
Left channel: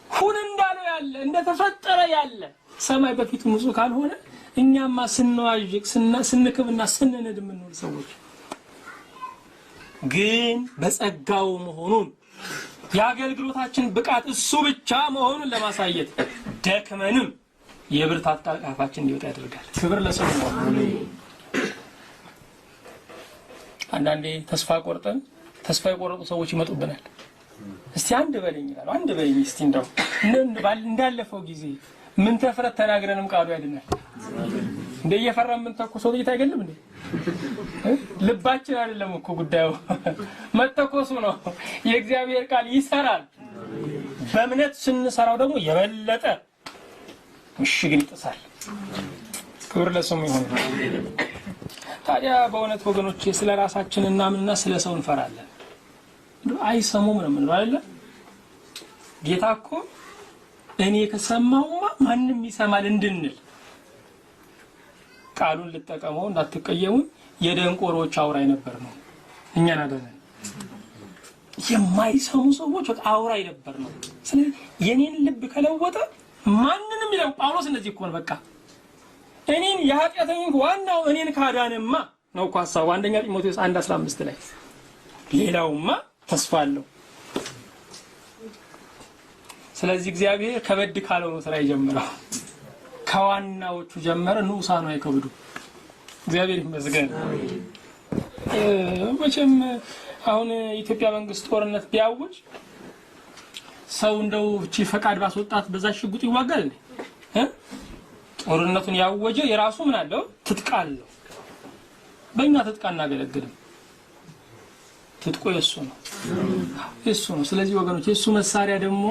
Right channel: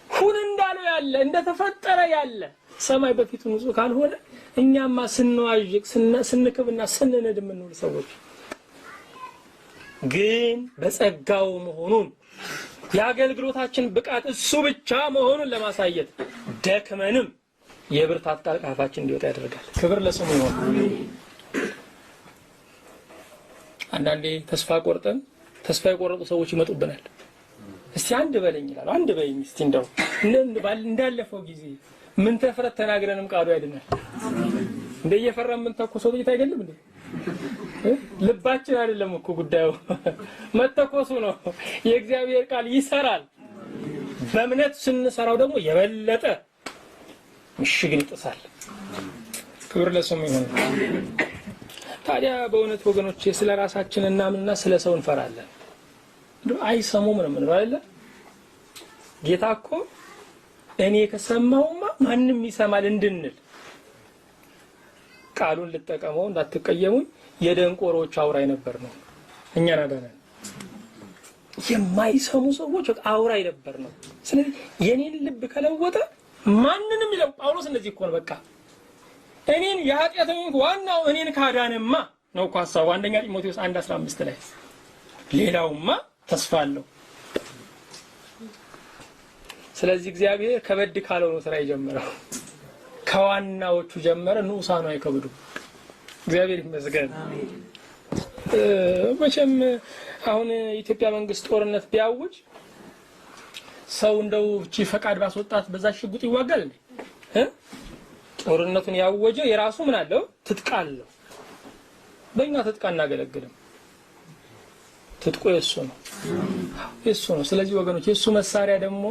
ሁን እንዳለው ያለ እንደተፈጠረ ያለ ሰማይ በፊቱ ንጹህ ካልሆነ እኛማ ስንዋዥቅ ስንክብና ስንነድ የምንውል ሰዎች ግን በጸጋው መሆኑን የአገልግሎታችን ብቃት እሱ ብቻ መሆኑን ለማሳየት ደክመንም የብርታት ቃል ከአፋችን እንዲወጣ ያደርጋል። ክብር ለስሙ ነው። አንዳንዴ ተስፋ የቆረጡ ሰዎች ይመጡብናል። እስቲ አንድ በለኝ ይላሉ። አንድ በለኝ እስቲ እንደው እንዳለፈው ጊዜ ምን ተፍረት ተናግረንም ቃሉ ያድናል። እንደየፈራን ምን ተኮሰው ጥይት አይገልም እንዴ? ልባችን አይደለም እኮ ጉዳዩ መተኮሱ ነው። የእግዚአብሔር ቃል ይሰራል። በእምነት ስንሰራው ደግሞ የበለጠ ምሽግን ይጥሳል። ክብር ለስሙ ይሁን። ታዲያ በእውነት ወገኖቼ ስለ ራሳችን እናምንና ስለ ሰው እንፈራለን። አይሰሙም ነው ምን አይደለ? ጌታ እኮ እኔ ከሰማውማ ማንም ይሰማል እንድንል ቃሉን ልጠቀመው እንዳትቀየሙኝ የደንቆሮች አውራይ ነበር ነው። እኛን አዳነን። የማይሰሙ ሰዎች አውራይ ነበር ነው። ስለዚህ የኔን ልብ ከለወጠ ማንንም ይለው ጳውሎስ እንደዚህ እኮ ነው። በቃ እኔን የኃጢአተኞች ዋናው እኔን ካዳነማ ነው እኮ ሐሳቡ። አንደኛ ጢሞቴዎስ 1:15 ላይ ሌላውማ ተስፋ አለው። ስለዚህ እግዚአብሔር ከበድ ካለው ነው ስራ የጀመረው። ከዋናዎቹ ጀመረ። ንዑሳኑ አይከብዱ። እግዚአብሔር ይመስገን። መቼም አሁን ኢትዮጵያ መንግስት ጦርነት ቢያውጅ ሰው እንደው እቺ ፈቃድ ባስወጣት በዛ ሽጉጥ ይዋጋል እንዴ? ጦርነቱን ያወጀ የራሱ ምን አለው? ትጥቅ አለው። በእኛ ትጥቅ እናገለግልም። ትጥቁ የሱ ነው። ስለዚህ ወገኖች የሱ መሳሪያ ደግሞ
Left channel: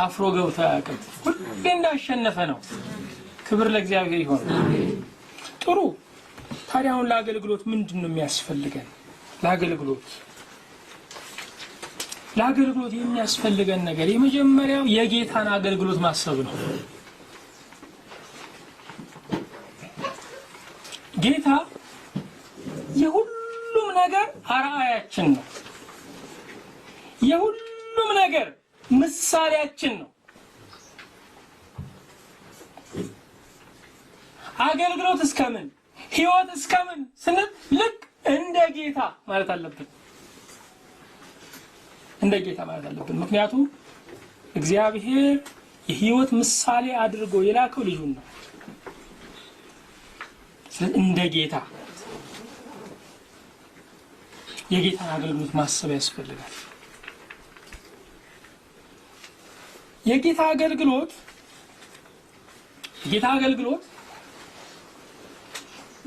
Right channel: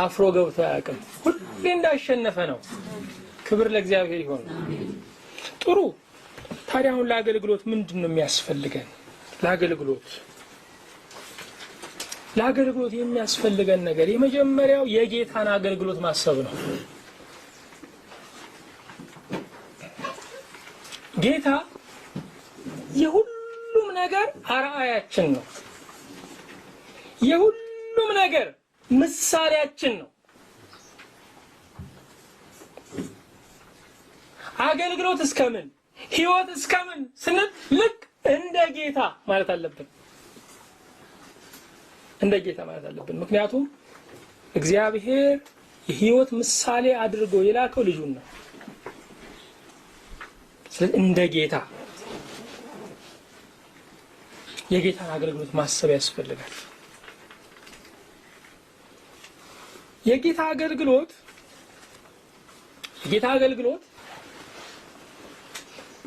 አፍሮ ገብቶ አያውቅም። ሁሌ እንዳሸነፈ ነው። ክብር ለእግዚአብሔር ይሁን። ጥሩ። ታዲያ አሁን ለአገልግሎት ምንድነው የሚያስፈልገን? ለአገልግሎት የሚያስፈልገን ነገር የመጀመሪያው የጌታን አገልግሎት ማሰብ ነው። ጌታ የሁሉም ነገር አርአያችን ነው። የሁሉም ነገር ምሳሌያችን ነው። አገልግሎት እስከምን ህይወት እስከምን ስንል ልክ እንደ ጌታ ማለት አለብን። ምክንያቱም እግዚአብሔር የህይወት ምሳሌ አድርጎ የላከው ልጁን ነው። ስለዚህ እንደ ጌታ የጌታን አገልግሎት ማሰብ ያስፈልጋል። የጌታ አገልግሎት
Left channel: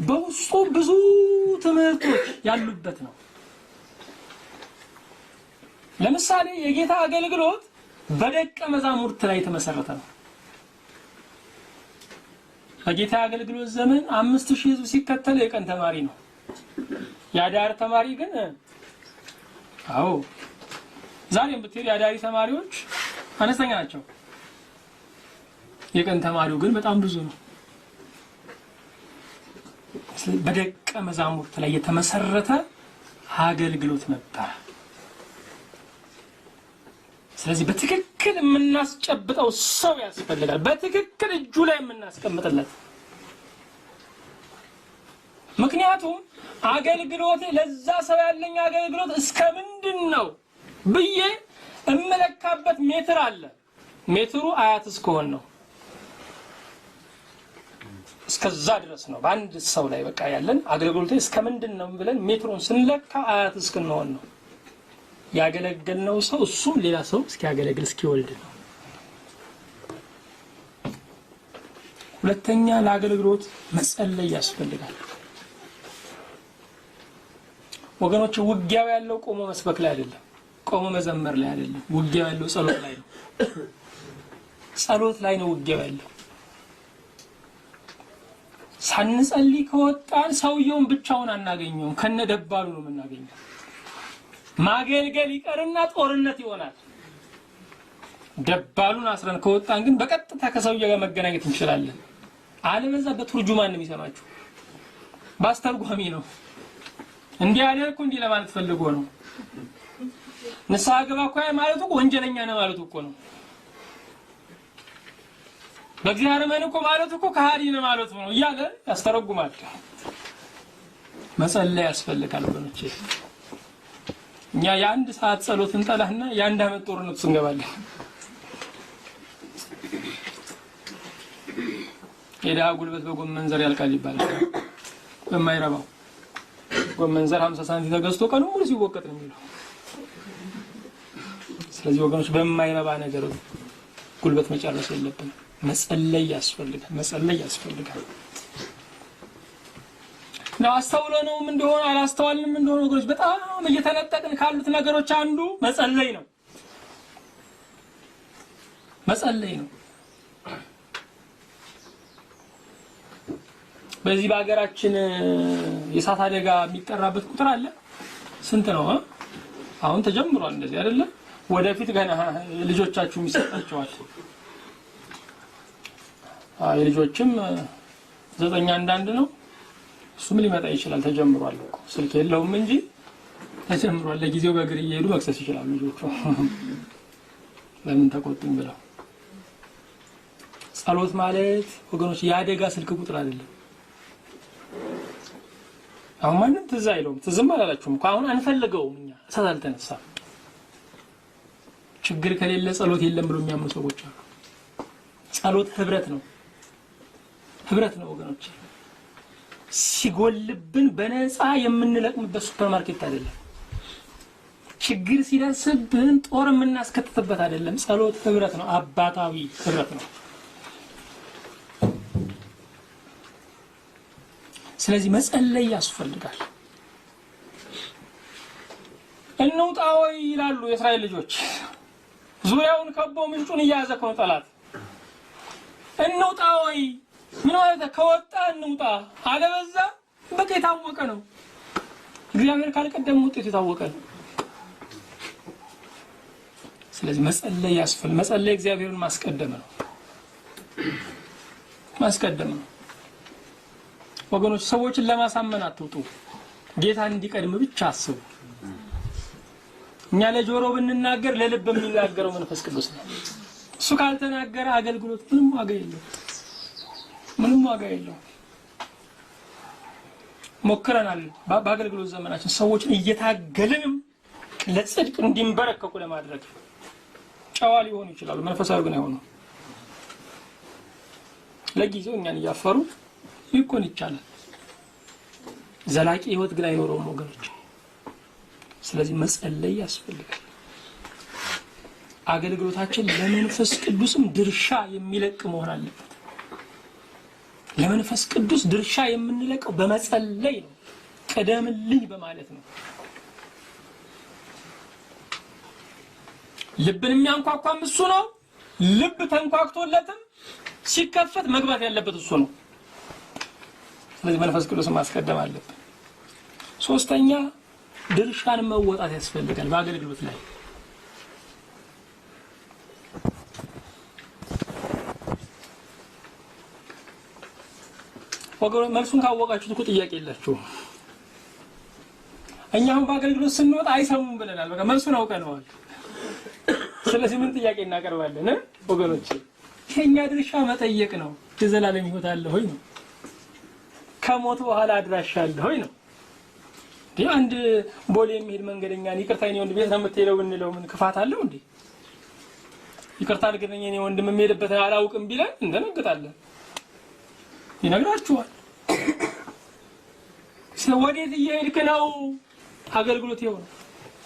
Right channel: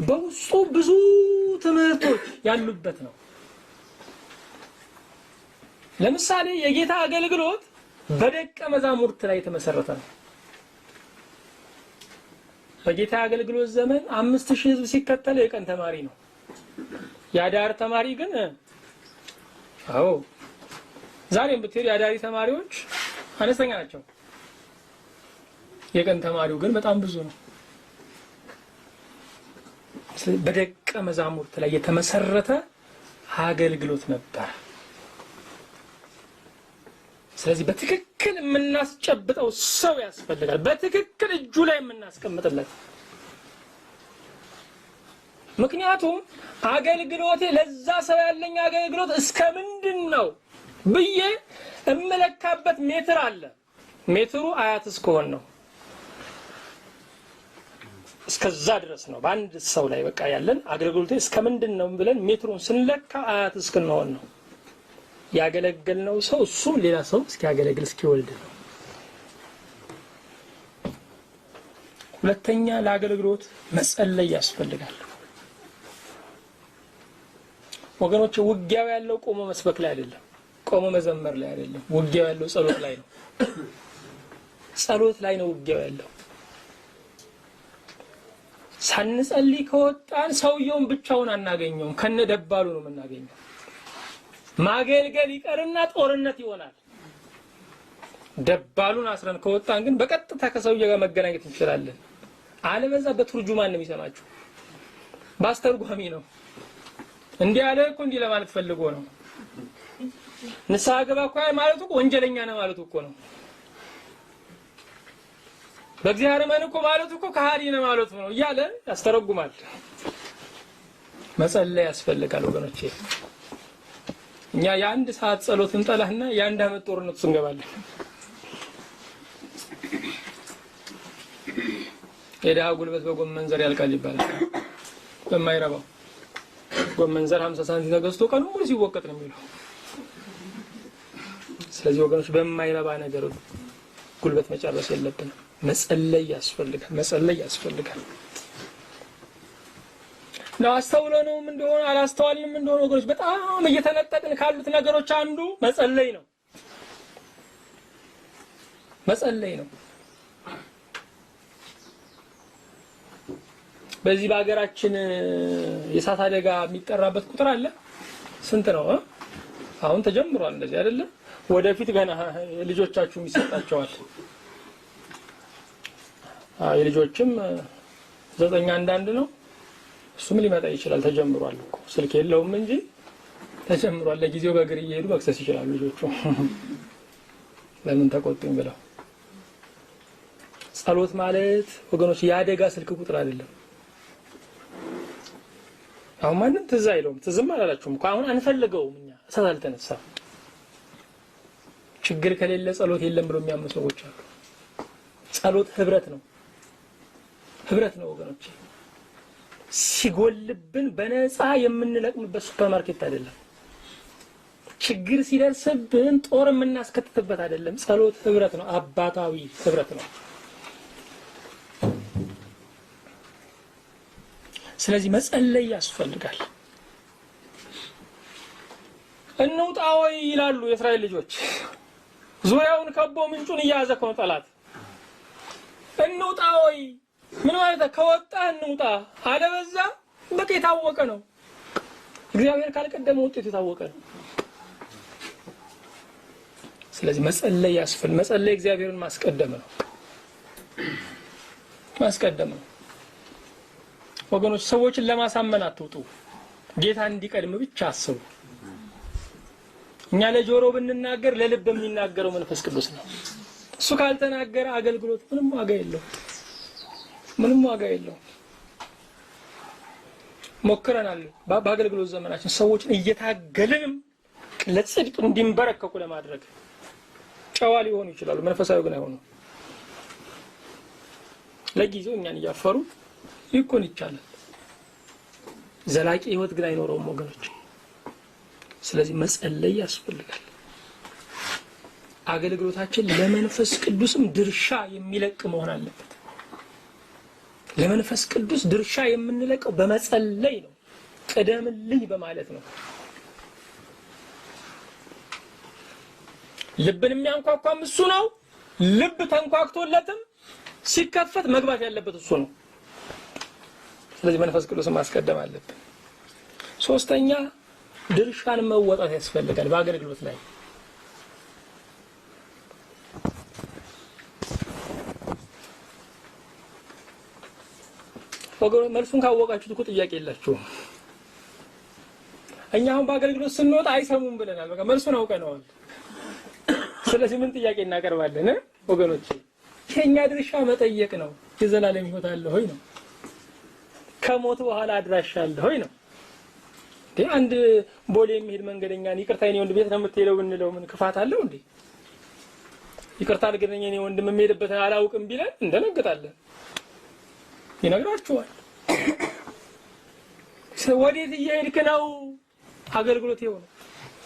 በውስጡ ብዙ ትምህርቶች ያሉበት ነው። ለምሳሌ የጌታ አገልግሎት በደቀ መዛሙርት ላይ የተመሰረተ ነው። በጌታ አገልግሎት ዘመን 5000 ሕዝብ ሲከተል የቀን ተማሪ ነው። የአዳር ተማሪ ግን ዛሬም ብትሄድ የአዳሪ ተማሪዎች አነስተኛ ናቸው። የቀን ተማሪው ግን በጣም ብዙ ነው። በደቀ መዛሙርት ላይ የተመሰረተ አገልግሎት ነበር። ስለዚህ በትክክል የምናስጨብጠው ሰው ያስፈልጋል። በትክክል እጁ ላይ የምናስቀምጥለት። ምክንያቱም አገልግሎቴ ለዛ ሰው ያለኝ አገልግሎት እስከ ምንድን ነው ብዬ እመለካበት ሜትር አለ። ሜትሩ አያት እስከሆነ ነው። እስከዛ ድረስ ነው በአንድ ሰው ላይ በቃ ያለን አገልግሎቴ እስከ ምንድን ነው ብለን ሜትሩን ስንለካ አያት እስከሆነ ነው። ያገለገልነው ሰው እሱም ሌላ ሰው እስኪያገለግል እስኪወልድ ነው። ሁለተኛ ለአገልግሎት መጸለይ ያስፈልጋል። ወገኖች ውጊያው ያለው ቆሞ መስበክ ላይ አይደለም፣ ቆሞ መዘመር ላይ አይደለም። ውጊያው ያለው ጸሎት ላይ ነው። ጸሎት ላይ ነው ውጊያው ያለው። ሳንጸልይ ከወጣን ሰውየውን ብቻውን አናገኘውም፣ ከነደባሉ ነው የምናገኘው። ማገልገል ይቀርና ጦርነት ይሆናል። ደባሉን አስረን ከወጣን ግን በቀጥታ ከሰውየው ጋር መገናኘት እንችላለን። አለበዛ በትርጁማን ነው የሚሰማችሁ፣ ባስተርጓሚ ነው። እንዲህ ያለ እኮ እንዲህ ለማለት ፈልጎ ነው። ንስሐ ገባ እኮ ማለቱ እኮ ወንጀለኛ ነው ማለቱ እኮ ነው። በእግዚአብሔር ማን እኮ ማለቱ እኮ ከሃዲ ነው ማለቱ ነው እያለ ያስተረጉማል። መጸለይ ያስፈልጋል ወገኖቼ። እኛ የአንድ ሰዓት ጸሎት እንጠላህና የአንድ አመት ጦርነት ውስጥ እንገባለን። የድሃ ጉልበት በጎመን ዘር ያልቃል ይባላል። በማይረባው ጎመን ዘር 50 ሳንቲም ተገዝቶ ቀኑ ሙሉ ሲወቀጥ ነው የሚለው። ስለዚህ ወገኖች በማይረባ ነገር ጉልበት መጨረስ የለብንም። መጸለይ ያስፈልጋል። ነው አስተውለነውም እንደሆነ አላስተዋልንም እንደሆነ ወገኖች በጣም እየተነጠቅን ካሉት ነገሮች አንዱ መጸለይ ነው። በዚህ በአገራችን የእሳት አደጋ የሚጠራበት ቁጥር አለ። ስንት ነው? አሁን ተጀምሯል እንደዚህ አይደለ? ወደፊት ገና ልጆቻችሁ የሚሰጣቸዋል። የልጆችም 9 አንዳንድ ነው። እሱም ሊመጣ ይችላል። ተጀምሯል እኮ ስልክ የለውም እንጂ ተጀምሯል። ለጊዜው በእግር እየሄዱ መክሰስ ይችላሉ ልጆቹ ለምን ተቆጡኝ ብለው። ጸሎት ማለት ወገኖች የአደጋ ስልክ ቁጥር አይደለም። አሁን ማንም ትዝ አይለውም። ትዝም አላላችሁም እኮ አሁን አንፈልገውም። እኛ እሳት አልተነሳም። ችግር ከሌለ ጸሎት የለም ብሎ የሚያምኑ ሰዎች አሉ። ጸሎት ህብረት ነው ወገኖች። ሲጎልብን በነፃ የምንለቅምበት ሱፐርማርኬት አይደለም። ችግር ሲደርስብን ጦር የምናስከትትበት አይደለም። ጸሎት ህብረት ነው፣ አባታዊ ህብረት ነው። ስለዚህ መጸለይ ያስፈልጋል። እንውጣ ወይ ይላሉ የእስራኤል ልጆች። ዙሪያውን ከቦ ምንጩን እያያዘ ነው ጠላት። እንውጣ ወይ ምን ማለት ነው? ከወጣ እንውጣ፣ አለበዛ በቃ የታወቀ ነው። እግዚአብሔር ካልቀደመ ውጤቱ የታወቀ ነው። ስለዚህ መጸለይ ያስፈልጋል። መጸለይ እግዚአብሔርን ማስቀደም ነው። ወገኖች ሰዎችን ለማሳመን አትውጡ። ጌታ እንዲቀድም ብቻ አስቡ። እኛ ለጆሮ ብንናገር ለልብ የሚናገረው መንፈስ ቅዱስ ነው። እሱ ካልተናገረ አገልግሎት ምንም ዋጋ የለውም። ሞክረናል በአገልግሎት ዘመናችን ሰዎችን እየታገልን ለጽድቅ እንዲንበረከኩ ለማድረግ። ጨዋ ሊሆኑ ይችላሉ፣ መንፈሳዊ ግን አይሆኑም። ለጊዜው እኛን እያፈሩ ይኮን ይቻላል። ዘላቂ ህይወት ግን አይኖረውም ወገኖች። ስለዚህ መጸለይ ያስፈልጋል። አገልግሎታችን ለመንፈስ ቅዱስም ድርሻ የሚለቅ መሆን አለበት። ለመንፈስ ቅዱስ ድርሻ የምንለቀው በመጸለይ ነው። ቀደምልኝ በማለት ነው። ልብን የሚያንኳኳም እሱ ነው። ልብ ተንኳክቶለትም ሲከፈት መግባት ያለበት እሱ ነው። ስለዚህ መንፈስ ቅዱስን ማስቀደም አለብን። ሶስተኛ ድርሻን መወጣት ያስፈልጋል በአገልግሎት ላይ። ወገኖች መልሱን ካወቃችሁት እኮ ጥያቄ የላችሁም። እኛ አሁን በአገልግሎት ስንወጣ አይሰሙም ብለናል። በቃ መልሱን አውቀነዋል። ስለዚህ ምን ጥያቄ እናቀርባለን ወገኖች? የኛ ድርሻ መጠየቅ ነው። የዘላለም ህይወት አለ ሆይ ነው። ከሞት በኋላ አድራሻ አለ ሆይ ነው። አንድ ቦሌ የሚሄድ መንገደኛን ይቅርታ የኔ ወንድም ቤት ነው የምትሄደው እንለው ምን ክፋት አለው እንዴ? ይቅርታ አድርገኝ የኔ ወንድም የሚሄድበት አላውቅም ቢለን እንደነግጣለን። ይነግራችኋል። ወዴት እየሄድክ ነው? አገልግሎት ይሆን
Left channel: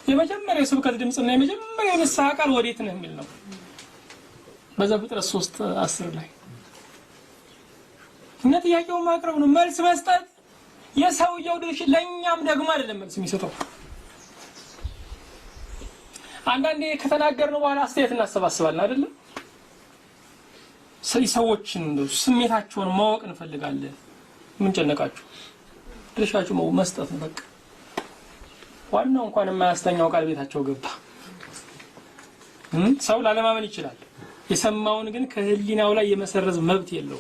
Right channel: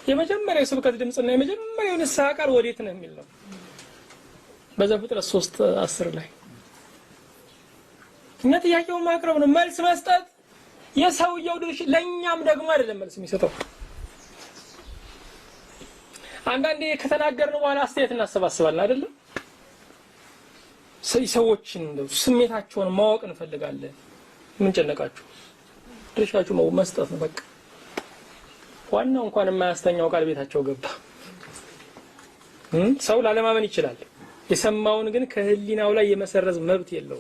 የመጀመሪያው ስብከት ድምጽና የመጀመሪያው ንስሐ ቃል ወዴት ነው የሚል ነው። በዘፍጥረት 3:10 ላይ እና ጥያቄውን ማቅረብ ነው፣ መልስ መስጠት የሰውየው ድርሻ። ለኛም ደግሞ አይደለም መልስ የሚሰጠው። አንዳንዴ ከተናገርነው በኋላ አስተያየት እናሰባስባለን አይደለም? ሰዎችን ስሜታቸውን ማወቅ እንፈልጋለን። ምን ጨነቃችሁ? ድርሻችሁ መስጠት ነው በቃ። ዋናው እንኳን የማያስተኛው ቃል ቤታቸው ገባ። ሰው ላለማመን ይችላል። የሰማውን ግን ከህሊናው ላይ የመሰረዝ መብት የለው።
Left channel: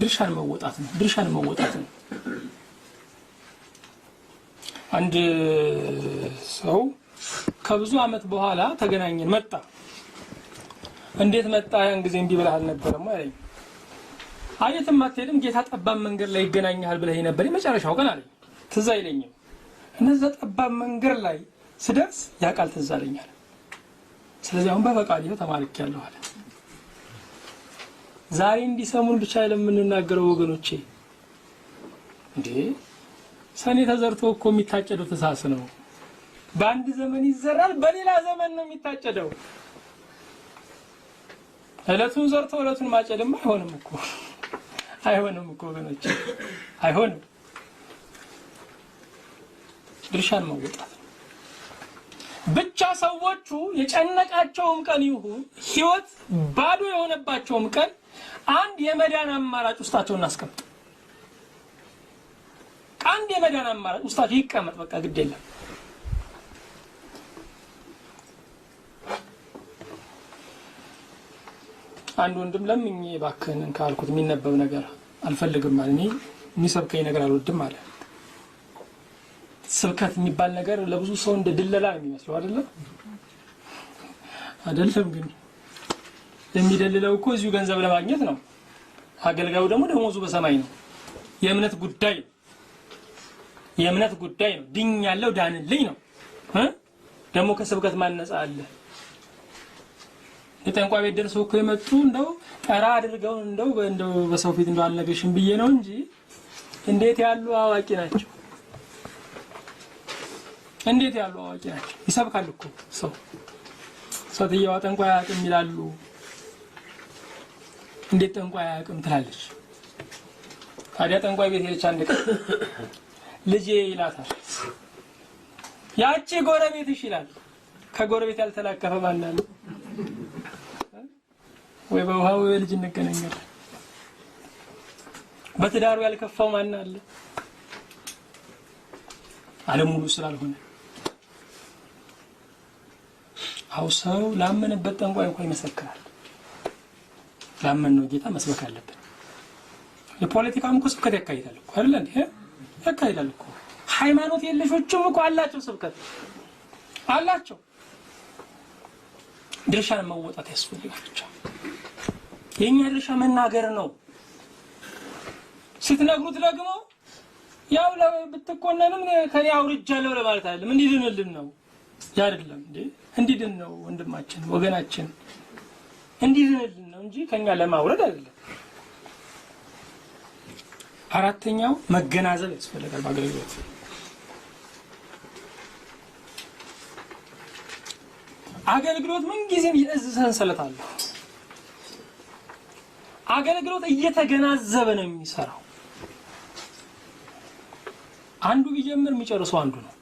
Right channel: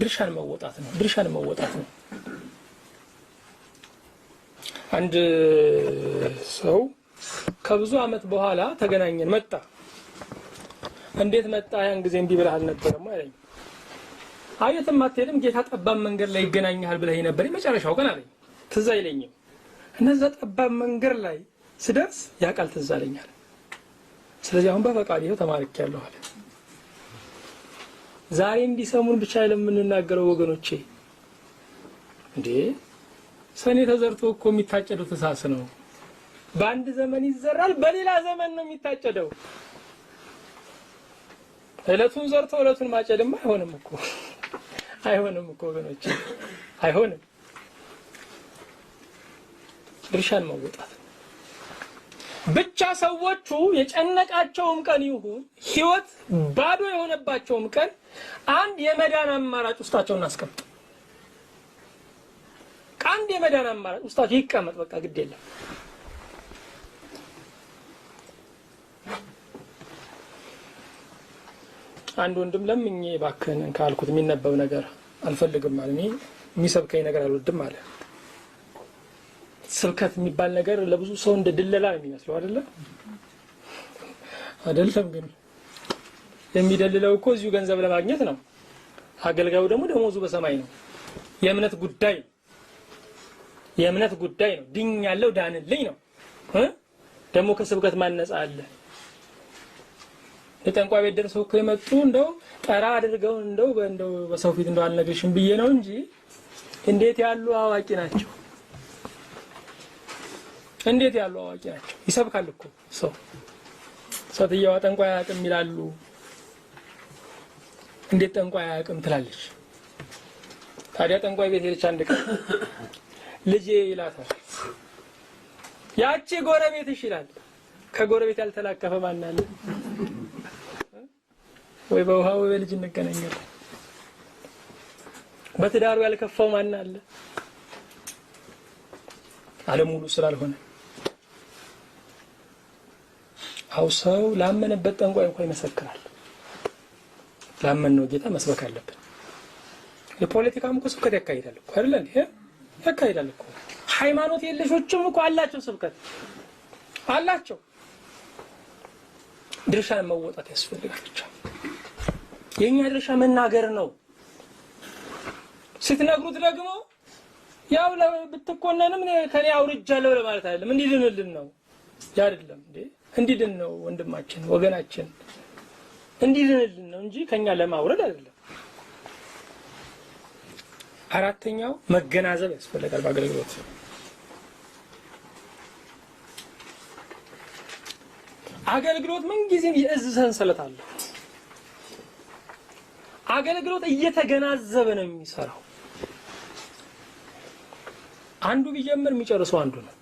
ድርሻን መወጣት ነው። አንድ ሰው ከብዙ አመት በኋላ ተገናኘን። መጣ። እንዴት መጣ? ያን ጊዜ እንዲህ ብለሃል ነበርማ አለኝ። አየትም አትሄድም ጌታ ጠባብ መንገድ ላይ ይገናኛል ብለህ ነበር የመጨረሻው ቀን አለኝ። ትዝ አይለኝም። እነዛ ጠባብ መንገድ ላይ ስደርስ ያ ቃል ትዝ አለኛል። ስለዚህ አሁን በፈቃድ ይኸው ተማርኬያለሁ አለ። ዛሬ እንዲሰሙን ብቻ ለምንናገረው ወገኖቼ እንዴ ሰኔ ተዘርቶ እኮ የሚታጨደው ተሳስ ነው። በአንድ ዘመን ይዘራል፣ በሌላ ዘመን ነው የሚታጨደው። እለቱን ዘርቶ እለቱን ማጨድማ አይሆንም እኮ ወገኖቼ አይሆንም። ድርሻን መወጣት ብቻ። ሰዎቹ የጨነቃቸውም ቀን ይሁን ህይወት ባዶ የሆነባቸውም ቀን አንድ የመዳን አማራጭ ውስጣቸውን እናስቀምጥ። አንድ የመዳን አማራጭ ውስጣቸው ይቀመጥ። በቃ ግድ የለም። አንድ ወንድም ለምኜ እባክህን ካልኩት የሚነበብ ነገር አልፈልግም ማለት እኔ የሚሰብከኝ ነገር አልወድም አለ። ስብከት የሚባል ነገር ለብዙ ሰው እንደ ድለላ ነው የሚመስለው አይደለም? ግን የሚደልለው እኮ እዚሁ ገንዘብ ለማግኘት ነው። አገልጋዩ ደግሞ ደሞዙ በሰማይ ነው። የእምነት ጉዳይ ነው። ድኛለሁ ዳንልኝ ነው። ደግሞ ከስብከት ማነጻ አለ። የጠንቋይ ቤት ደርሰው እኮ የመጡ እንደው ጠራ አድርገው እንደው በሰው ፊት እንደው አልነግርሽም ብዬ ነው እንጂ እንዴት ያሉ አዋቂ ናቸው! ይሰብካል እኮ ሰውየዋ ጠንቋይ አያውቅም ይላሉ። እንዴት ጠንቋይ አያውቅም ትላለች? ታዲያ ጠንቋይ ቤት ሄደች አንድ ቀን ልጄ ይላታል። ያቺ ጎረቤትሽ ይላል። ከጎረቤት ያልተላከፈ ማን አለ? ወይ በውሃ ወይ በልጅ እንገናኛለን። በትዳሩ ያልከፋው ማን አለ? ዓለም ሙሉ ስላልሆነ አው ሰው ላመነበት ጠንቋይ እንኳን ይመሰክራል። ላመነው ጌታ መስበክ አለበት። የፖለቲካም እኮ ስብከት ያካሂዳል እኮ አይደል እንዴ? ያካሂዳል እኮ። ሃይማኖት የለሾችም እኮ አላቸው ስብከት አላቸው። ድርሻን መወጣት ያስፈልጋል። ብቻ የኛ ድርሻ መናገር ነው። ስትነግሩት ደግሞ ያው ለብትቆነንም ከኔ አውርጃለሁ ለማለት አይደለም። እንዲድንልን ነው አይደለም እንዴ? እንዲድን ነው ወንድማችን ወገናችን እንዲድንልን ነው እንጂ ከኛ ለማውረድ አይደለም። አራተኛው መገናዘብ ያስፈልጋል። በአገልግሎት አገልግሎት ምን ጊዜም የእዝ ሰንሰለት አለው። አገልግሎት እየተገናዘበ ነው የሚሰራው። አንዱ ቢጀምር የሚጨርሰው አንዱ ነው።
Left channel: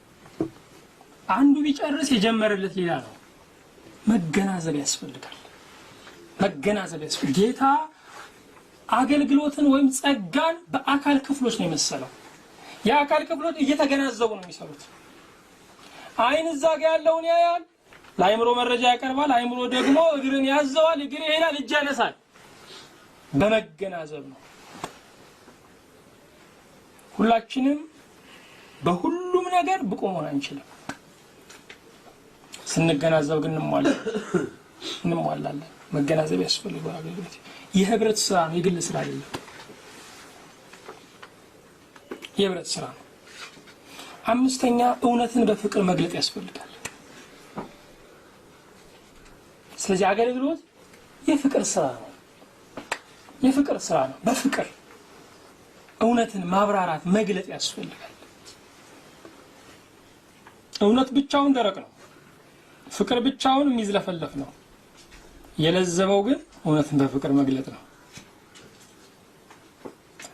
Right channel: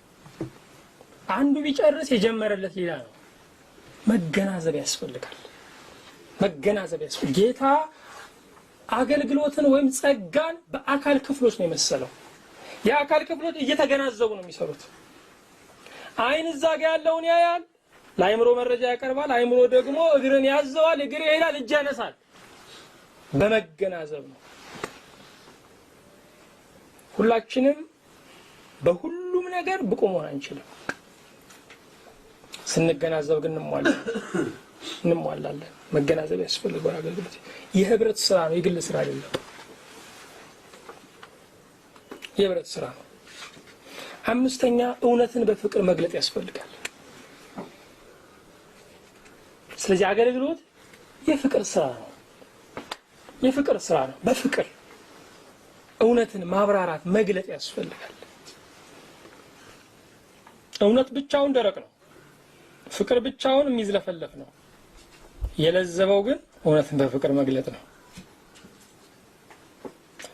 አንዱ ቢጨርስ የጀመረለት ሌላ ነው። መገናዘብ ያስፈልጋል። መገናዘብ ያስፈልጋል። ጌታ አገልግሎትን ወይም ጸጋን በአካል ክፍሎች ነው የመሰለው። የአካል ክፍሎች እየተገናዘቡ ነው የሚሰሩት። አይን እዛ ጋር ያለውን ያያል፣ ለአይምሮ መረጃ ያቀርባል። አይምሮ ደግሞ እግርን ያዘዋል፣ እግር ይሄዳል፣ እጅ ያነሳል። በመገናዘብ ነው። ሁላችንም በሁሉም ነገር ብቁ መሆን አንችልም። ስንገናዘብ ግን እንሟላለን። መገናዘብ ያስፈልጋል። አገልግሎት የህብረት ስራ ነው፣ የግል ስራ አይደለም። የህብረት ስራ ነው። አምስተኛ እውነትን በፍቅር መግለጥ ያስፈልጋል። ስለዚህ አገልግሎት የፍቅር ስራ ነው። የፍቅር ስራ ነው። በፍቅር እውነትን ማብራራት መግለጥ ያስፈልጋል። እውነት ብቻውን ደረቅ ነው። ፍቅር ብቻውን የሚዝለፈለፍ ነው። የለዘበው ግን እውነትን በፍቅር መግለጥ ነው።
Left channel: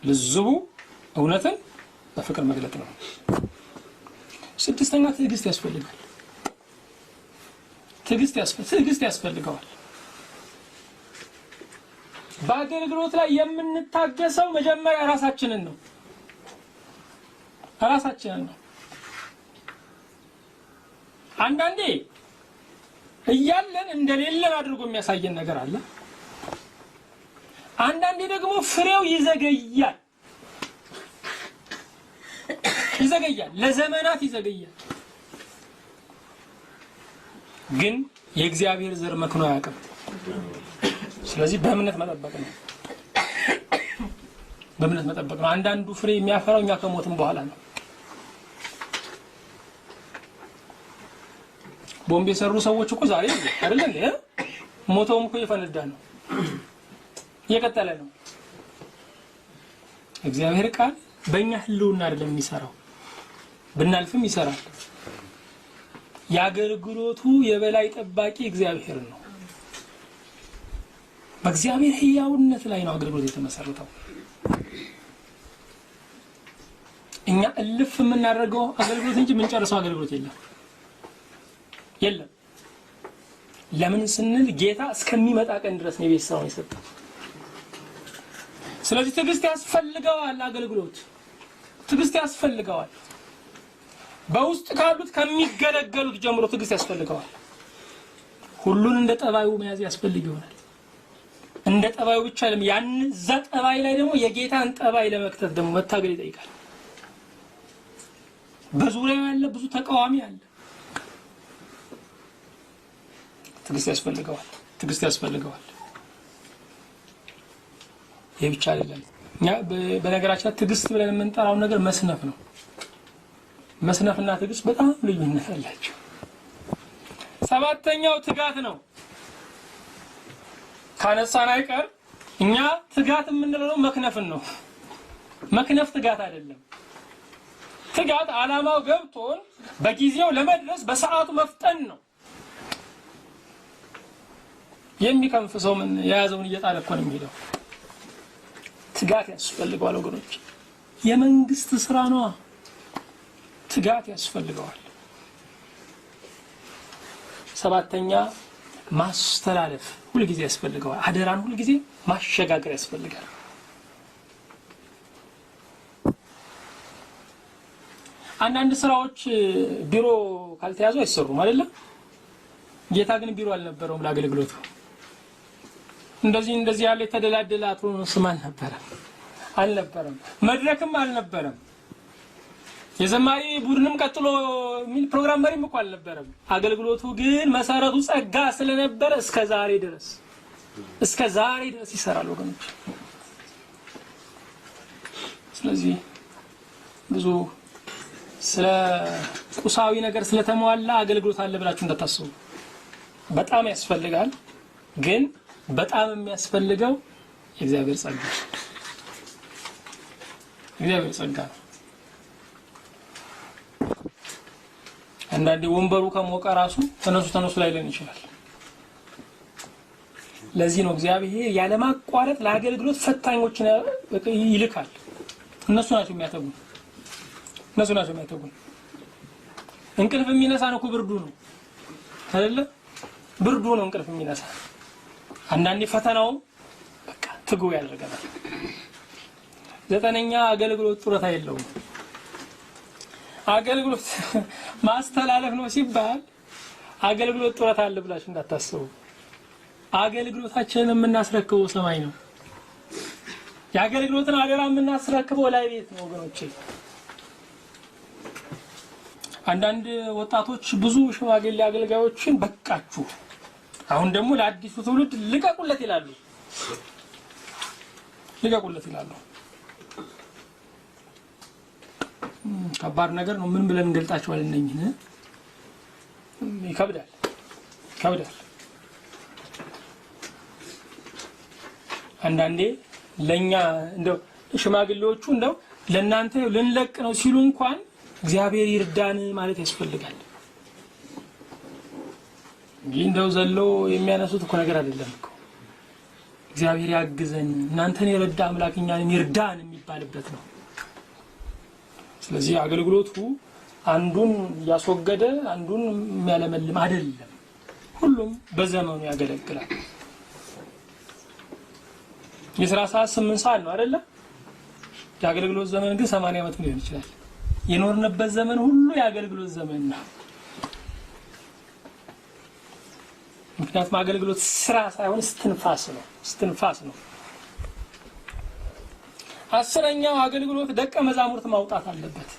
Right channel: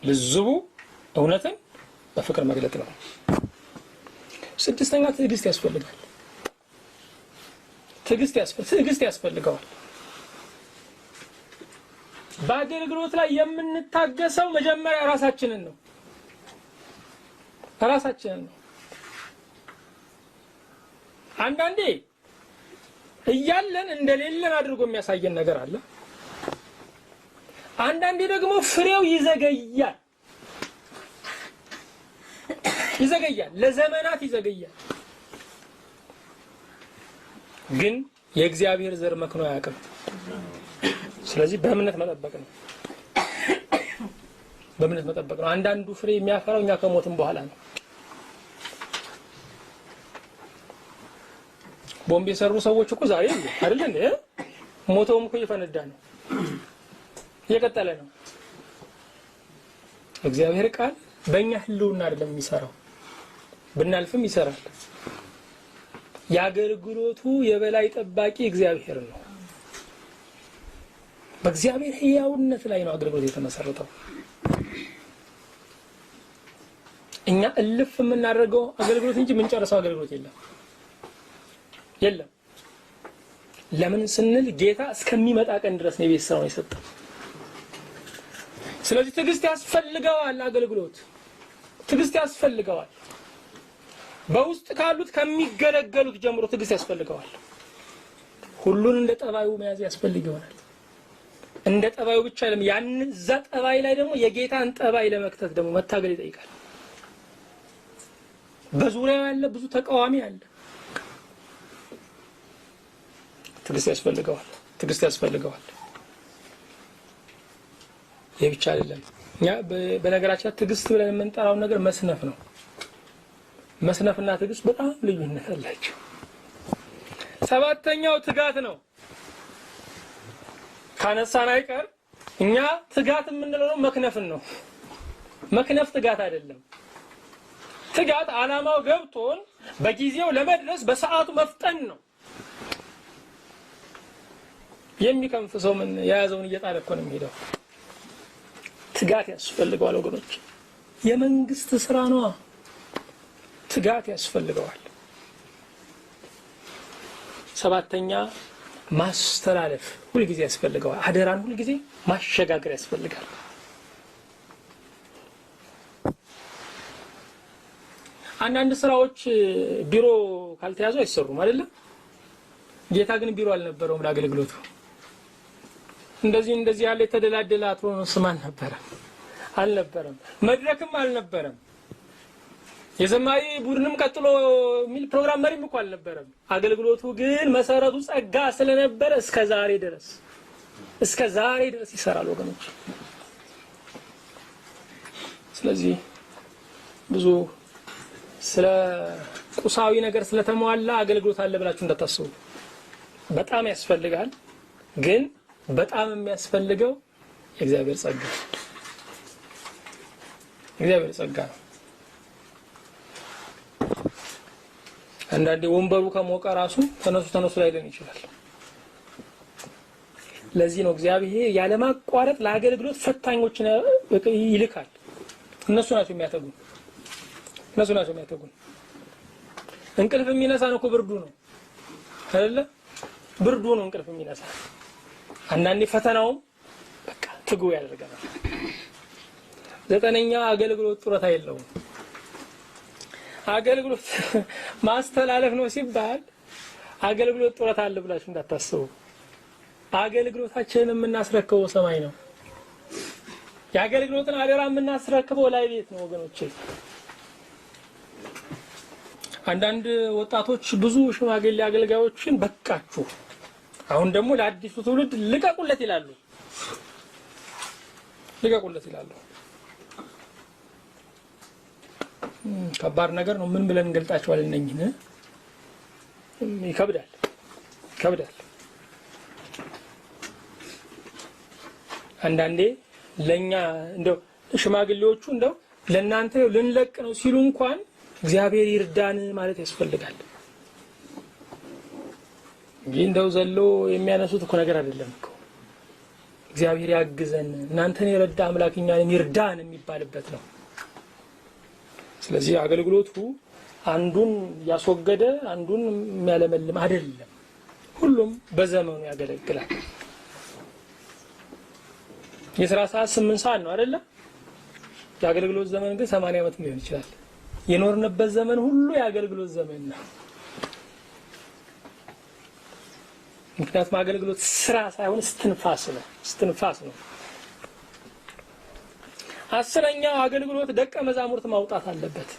ልዝቡ እውነትን በፍቅር መግለጥ ነው። ስድስተኛ ትዕግስት ያስፈልጋል። ትዕግስት ያስፈልገዋል። በአገልግሎት ላይ የምንታገሰው መጀመሪያ ራሳችንን ነው። አንዳንዴ እያለን እንደሌለን አድርጎ የሚያሳየን ነገር አለ። አንዳንዴ ደግሞ ፍሬው ይዘገያል፣ ለዘመናት ይዘገያል። ግን የእግዚአብሔር ዘር መክኖ አያውቅም። ስለዚህ በእምነት መጠበቅ ነው። አንዳንዱ ፍሬ የሚያፈራው እኛ ከሞትም በኋላ ነው። ቦምብ የሰሩ ሰዎች እኮ ዛሬ አይደል እንዴ? ሞተውም እኮ እየፈነዳ ነው፣ እየቀጠለ ነው። እግዚአብሔር ቃል በእኛ ህልውና አይደለም የሚሰራው፣ ብናልፍም ይሰራል። የአገልግሎቱ የበላይ ጠባቂ እግዚአብሔር ነው። በእግዚአብሔር ሕያውነት ላይ ነው አገልግሎት የተመሰረተው። እኛ እልፍ የምናደርገው አገልግሎት እንጂ የምንጨርሰው አገልግሎት የለም። ለምን ስንል ጌታ እስከሚመጣ ቀን ድረስ ነው የቤት ስራውን የሰጠው። ስለዚህ ትዕግስት ያስፈልገዋል። አገልግሎት ትዕግስት ያስፈልገዋል። በውስጥ ካሉት ከሚገለገሉት ጀምሮ ትዕግስት ያስፈልገዋል። ሁሉን እንደ ጠባዩ መያዝ ያስፈልግ ይሆናል። እንደ ጠባዩ ብቻ አይደለም፣ ያን እዛ ጠባይ ላይ ደግሞ የጌታን ጠባይ ለመክተት ደግሞ መታገል ይጠይቃል። በዙሪያው ያለ ብዙ ተቃዋሚ አለ። ትዕግስት ያስፈልገዋል። ይህ ብቻ አይደለም። እኛ በነገራችን ትዕግስት ብለን የምንጠራው ነገር መስነፍ ነው። መስነፍና ትዕግስት በጣም ልዩነት አላቸው። ሰባተኛው ትጋት ነው። ካነሳን አይቀር እኛ ትጋት የምንለው መክነፍን ነው። መክነፍ ትጋት አይደለም። ትጋት ዓላማው ገብቶን በጊዜው ለመድረስ በሰዓቱ መፍጠን ነው። የሚከንፍ ሰው ምን የያዘውን እየጣለ እኮ ነው የሚሄደው። ትጋት ያስፈልገዋል ወገኖች። የመንግስት ስራ ነው። ትጋት ያስፈልገዋል። ሰባተኛ ማስተላለፍ ሁልጊዜ ያስፈልገዋል። አደራን ሁልጊዜ ማሸጋገር ያስፈልጋል። አንዳንድ ስራዎች ቢሮ ካልተያዙ አይሰሩም አይደለም። ጌታ ግን ቢሮ አልነበረውም ለአገልግሎቱ። እንደዚህ ያለ የተደላደለ አትሮኖስም አልነበረም። መድረክም አልነበረም። የዘማሪ ቡድንም ቀጥሎ ሚል ፕሮግራም መሪም እኮ አልነበረም። አገልግሎቱ ግን መሰረቱ ጸጋ ስለነበረ እስከ ዛሬ ድረስ ይሰራል ወገኖች። ስለዚህ ብዙ ስለ ቁሳዊ ነገር ስለተሟላ አገልግሎት አለ ብላችሁ እንዳታስቡ። በጣም ያስፈልጋል፣ ግን በጣም የሚያስፈልገው የእግዚአብሔር ጸጋ። እግዚአብሔር ጸጋ ነው። አንዳንዴ ወንበሩ ከሞቀ ራሱ ተነሱ ላይለን ይችላል። ለዚህ ነው እግዚአብሔር ያለማቋረጥ ለአገልግሎት ፈታኞችን ይልካል። እነሱ ናቸው የሚያተጉን። እንቅልፍ የሚነሳን እኮ ብርዱ ነው አይደለ? ብርዱ ነው እንቅልፍ የሚነሳ። አንዳንዴ ፈተናው በቃ ትጉ ያደርገናል። 9ኛ አገልግሎት ጡረታ የለውም። አገልግሎት ማስተላለፍ ነው ሲባል አገልግሎት ጡረታ አለ ብላችሁ እንዳታስቡ። አገልግሎታችንን የምናስረክበው ሰማይ ነው። የአገልግሎትን አደራ የምናስረክበው ላይ ቤት ነው ወገኖቼ። አንዳንድ ወጣቶች ብዙ ሽማግሌ አገልጋዮችን በቃችሁ፣ አሁን ደግሞ ለአዲሱ ትውልድ ልቀቁለት ይላሉ። ከባድ ነገር ነው። ምን ብለን እንገልጣቸዋለን? እነኝን ይከብዳል። አንዳንዴ ለኛ እንደው ሽማግሌዎቹ እንደው ለናንተ ልንለቅ ነው ሲሉ እንኳን እግዚአብሔር ይርዳን ማለት ያስፈልጋል። እንደው ዘሎ የሚያነሱት እኮ ነገር አይደለም እኮ። እግዚአብሔር ያግዘን፣ እናንተን ይረዳ አምላክ እኛን ይርዳን የሚባልበት ነው። ስለዚህ አገልግሎቱ አንዱን ያስወገደ አንዱን የሚያለመልም አይደለም። ሁሉም በዘመኑ ያገለግላል። የሥራ ሰዓት 8 ሰዓት ነው አይደለ? የአገልግሎት ዘመን ግን 80 ዓመት ሊሆን ይችላል። የኖርንበት ዘመን ሁሉ የአገልግሎት ዘመን ነው። ምክንያቱም አገልግሎት ስራ ሳይሆን እስትንፋስ ነው። 10ኛው አገልግሎት ደቀ መዛሙርት ማውጣት አለበት።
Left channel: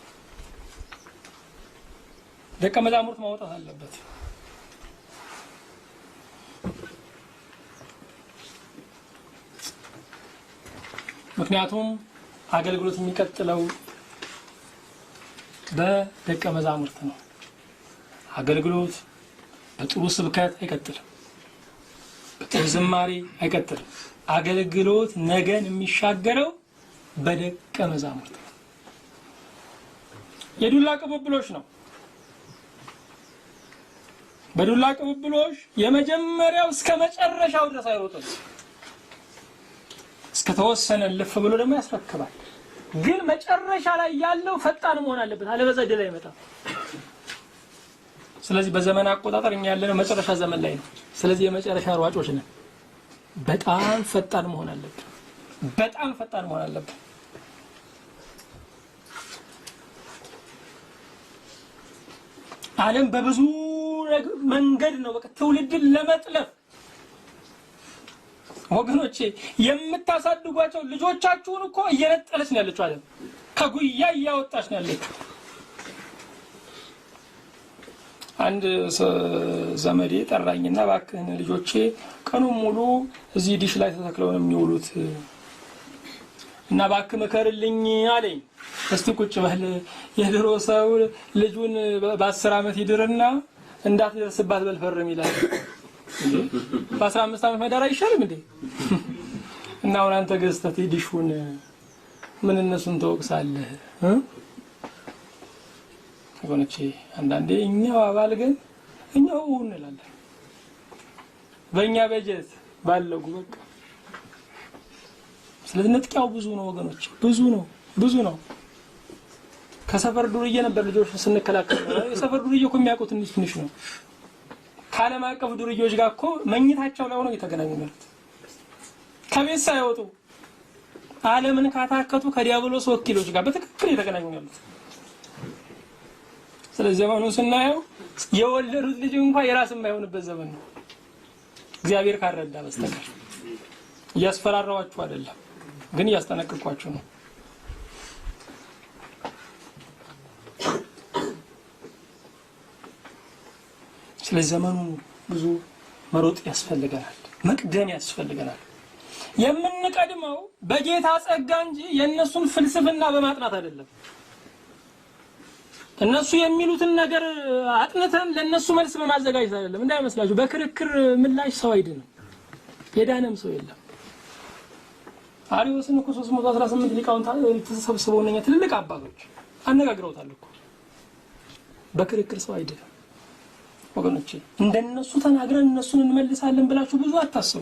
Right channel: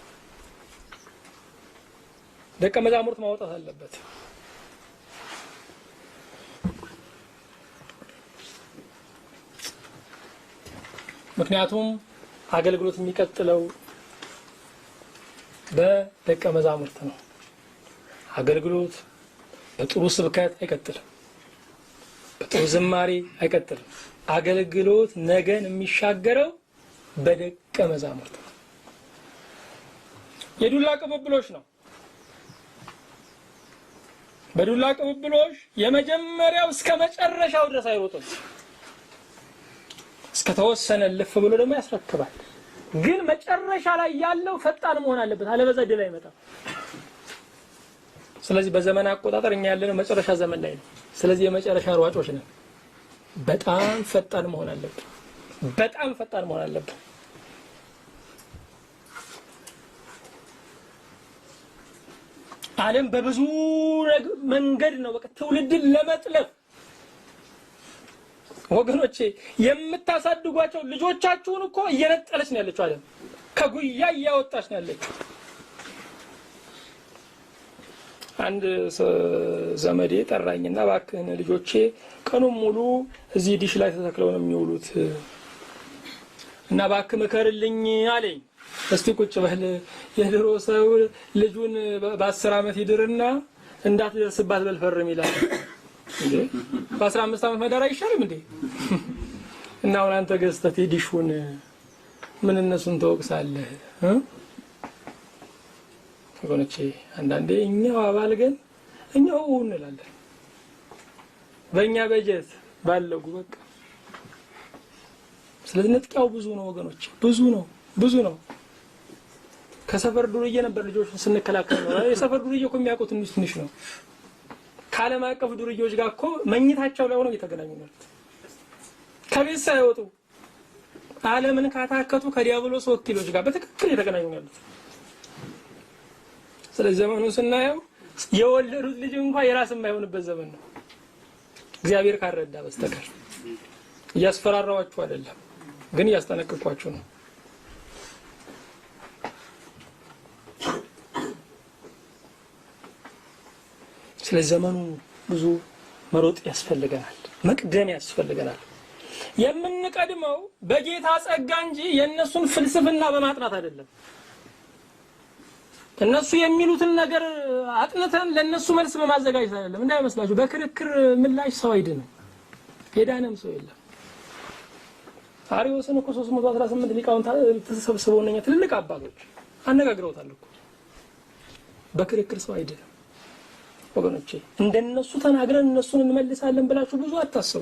ምክንያቱም አገልግሎት የሚቀጥለው በደቀ መዛሙርት ነው። አገልግሎት በጥሩ ስብከት አይቀጥልም፣ በጥሩ ዝማሬ አይቀጥልም። አገልግሎት ነገን የሚሻገረው በደቀ መዛሙርት ነው። የዱላ ቅብብሎች ነው። በዱላ ቅብብሎች የመጀመሪያው እስከ መጨረሻው ድረስ አይሮጥም። እስከ ተወሰነ ልፍ ብሎ ደግሞ ያስረክባል። ግን መጨረሻ ላይ ያለው ፈጣን መሆን አለበት፣ አለበዛ ድል አይመጣም። ስለዚህ በዘመን አቆጣጠር እኛ ያለነው መጨረሻ ዘመን ላይ ነው። ስለዚህ የመጨረሻ ሯጮች ነን። በጣም ፈጣን መሆን አለብን። ዓለም በብዙ መንገድ ነው በቃ ትውልድን ለመጥለፍ ወገኖቼ የምታሳድጓቸው ልጆቻችሁን እኮ እየነጠለች ነው ያለችው። ዓለም ከጉያ እያወጣች ነው ያለችው። አንድ ዘመዴ ጠራኝና እባክህን ልጆቼ ቀኑን ሙሉ እዚህ ዲሽ ላይ ተተክለው ነው የሚውሉት እና እባክህ ምከርልኝ አለኝ። እስቲ ቁጭ በል፣ የድሮ ሰው ልጁን በ10 ዓመት ይድርና እንዳትደርስባት በልፈርም ይላል። በ15 ዓመት መዳር አይሻልም እንዴ? እና አሁን አንተ ገዝተህ ዲሹን ምን እነሱን ተወቅሳለህ? ወገኖቼ አንዳንዴ እኛው አባልገን እኛው እንላለን። በእኛ በጀት ባለጉ በቃ። ስለዚህ ነጥቂያው ብዙ ነው ወገኖቼ፣ ብዙ ነው። ከሰፈር ዱርዬ ነበር ልጆች ስንከላከል ነው። የሰፈር ዱርዬ እኮ የሚያውቁት ትንሽ ነው። ከዓለም አቀፍ ዱርዬዎች ጋር እኮ መኝታቸው ላይ ሆነው እየተገናኙ ማለት ከቤት ሳይወጡ ዓለምን ካታከቱ ከዲያብሎስ ወኪሎች ጋር በትክክል እየተገናኙ ያሉት። ስለዚህ ዘመኑን ስናየው የወለዱት ልጅ እንኳን የራስ የማይሆንበት ዘመን ነው፣ እግዚአብሔር ካረዳ በስተቀር። እያስፈራራዋችሁ አይደለም፣ ግን እያስጠነቀቅኳችሁ ነው። ስለዚህ ዘመኑ ብዙ መሮጥ ያስፈልገናል፣ መቅደም ያስፈልገናል። የምንቀድመው በጌታ ጸጋ እንጂ የነሱን ፍልስፍና በማጥናት አይደለም። እነሱ የሚሉትን ነገር አጥንተን ለነሱ መልስ በማዘጋጀት አይደለም። እንዳይመስላችሁ በክርክር ምላሽ ሰው አይድንም፣ የዳነም ሰው የለም። አርዮስን እኮ 318 ሊቃውንት ተሰብስበው እነኛ ትልልቅ አባቶች አነጋግረውታል እኮ። በክርክር ሰው አይደለም ወገኖቼ። እንደነሱ ተናግረን እነሱን እንመልሳለን ብላችሁ ብዙ አታስቡ።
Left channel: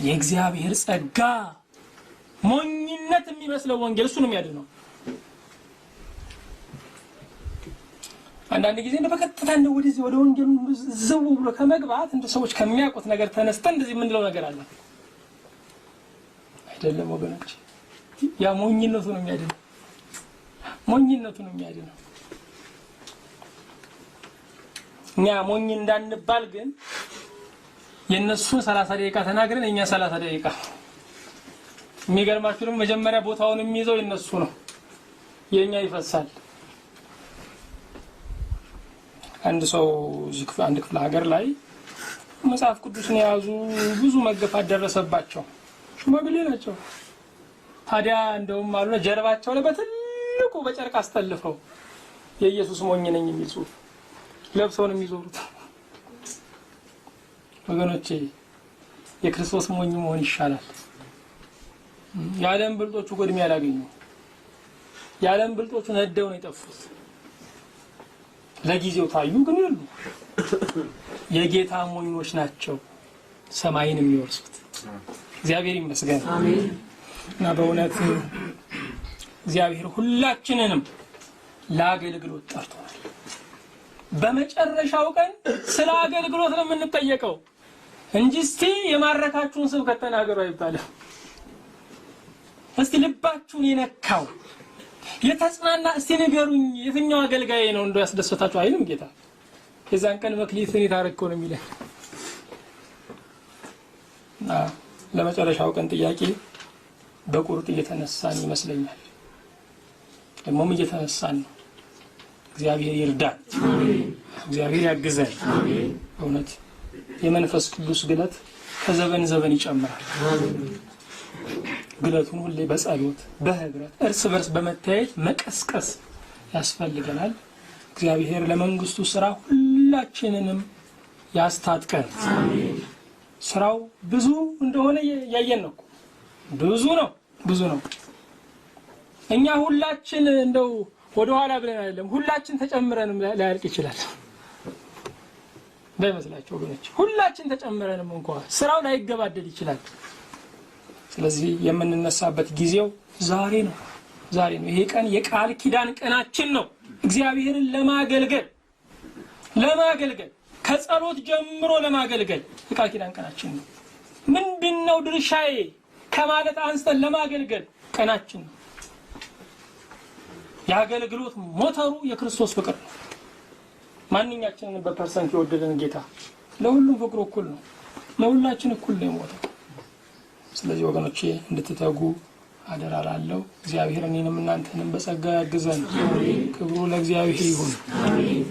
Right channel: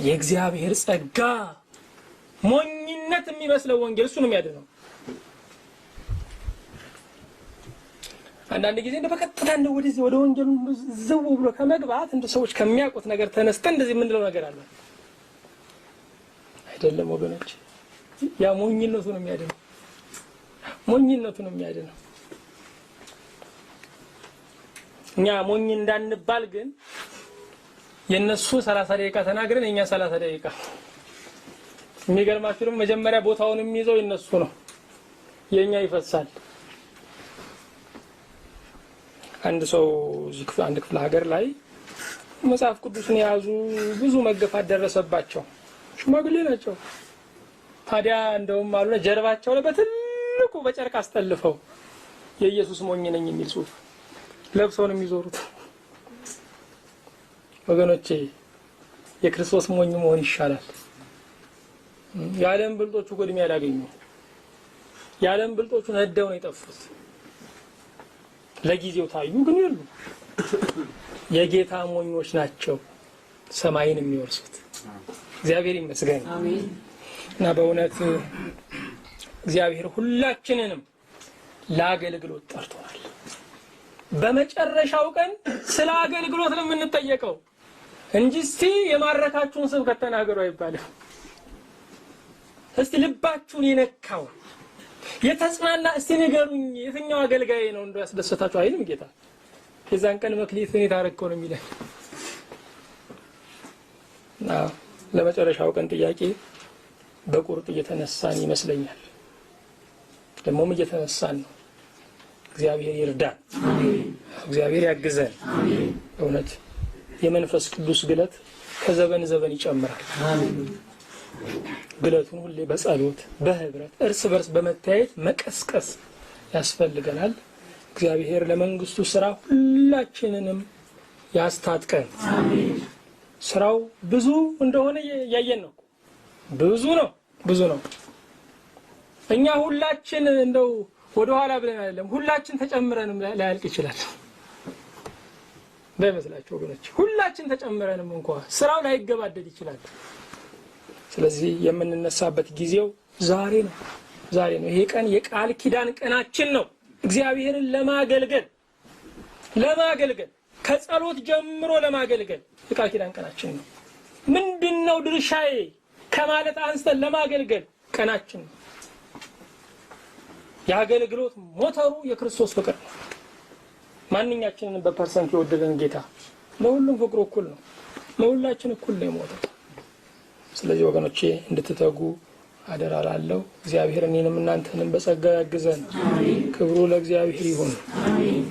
የእግዚአብሔር ጸጋ ሞኝነት የሚመስለው ወንጌል እሱ ነው የሚያድነው። አንዳንድ ጊዜ እንደ በቀጥታ እንደ ወደዚህ ወደ ወንጌሉ ዘው ብሎ ከመግባት እንደ ሰዎች ከሚያውቁት ነገር ተነስተን እንደዚህ የምንለው ነገር አለ አይደለም ወገኖች። ያ ሞኝነቱ ነው የሚያድነው። ሞኝነቱ ነው የሚያድነው። እኛ ሞኝ እንዳንባል ግን የነሱ 30 ደቂቃ ተናግረን የኛ 30 ደቂቃ። የሚገርማችሁ ደግሞ መጀመሪያ ቦታውን የሚይዘው የነሱ ነው፣ የኛ ይፈሳል። አንድ ሰው አንድ ክፍለ ሀገር ላይ መጽሐፍ ቅዱስን የያዙ ብዙ መገፋት ደረሰባቸው። ሽማግሌ ናቸው። ታዲያ እንደውም አሉና ጀርባቸው ላይ በትልቁ በጨርቅ አስጠልፈው የኢየሱስ ሞኝ ነኝ የሚል ጽሑፍ ለብሰው ነው የሚዞሩት። ወገኖቼ የክርስቶስ ሞኝ መሆን ይሻላል። የዓለም ብልጦቹ ጎድሜ ያላገኙ፣ የዓለም ብልጦቹ ነደው ነው የጠፉት። ለጊዜው ታዩ ግን ይሉ የጌታ ሞኞች ናቸው ሰማይን የሚወርሱት። እግዚአብሔር ይመስገን። አሜን። እና በእውነት እግዚአብሔር ሁላችንንም ለአገልግሎት ጠርቶናል። በመጨረሻው ቀን ስለ አገልግሎት ነው የምንጠየቀው እንጂ እስቲ የማረካችሁን ስብከት ተናገሩ አይባልም። እስቲ ልባችሁን የነካው የተጽናና እስቲ ንገሩኝ የትኛው አገልጋይ ነው እንደው ያስደሰታችሁ አይልም ጌታ። የዛን ቀን መክሊትን የታረከው ነው የሚለን። ለመጨረሻው ቀን ጥያቄ በቁርጥ እየተነሳን ይመስለኛል። ደግሞም እየተነሳን ነው። እግዚአብሔር ይርዳን። አሜን። እግዚአብሔር ያግዘን። አሜን። በእውነት የመንፈስ ቅዱስ ግለት ከዘበን ዘበን ይጨምራል። አሜን። ግለቱን ሁሌ በጸሎት በህብረት እርስ በርስ በመታየት መቀስቀስ ያስፈልገናል። እግዚአብሔር ለመንግስቱ ስራ ሁላችንንም ያስታጥቀን። አሜን። ስራው ብዙ እንደሆነ ያየን ነው። ብዙ ነው። እኛ ሁላችን እንደው ወደ ኋላ ብለን አይደለም፣ ሁላችን ተጨምረንም ላያልቅ ይችላል። በመስላችሁ ወገኖች ሁላችን ተጨምረንም እንኳን ስራው ላይገባደድ ይችላል። ስለዚህ የምንነሳበት ጊዜው ዛሬ ነው። ይሄ ቀን የቃል ኪዳን ቀናችን ነው። እግዚአብሔርን ለማገልገል ከጸሎት ጀምሮ ለማገልገል የቃል ኪዳን ቀናችን ነው። ምንድነው ድርሻዬ ከማለት አንስተን ለማገልገል ቀናችን ነው። የአገልግሎት ሞተሩ የክርስቶስ ፍቅር ነው። ማንኛችንን በፐርሰንት የወደደን ጌታ ለሁሉም ፍቅሩ እኩል ነው። ለሁላችን እኩል ነው የሞተው። ስለዚህ ወገኖቼ እንድትተጉ አደራ እላለሁ። እግዚአብሔር እኔንም እናንተንም በጸጋ ያግዘን። ክብሩ ለእግዚአብሔር ይሁን። አሜን።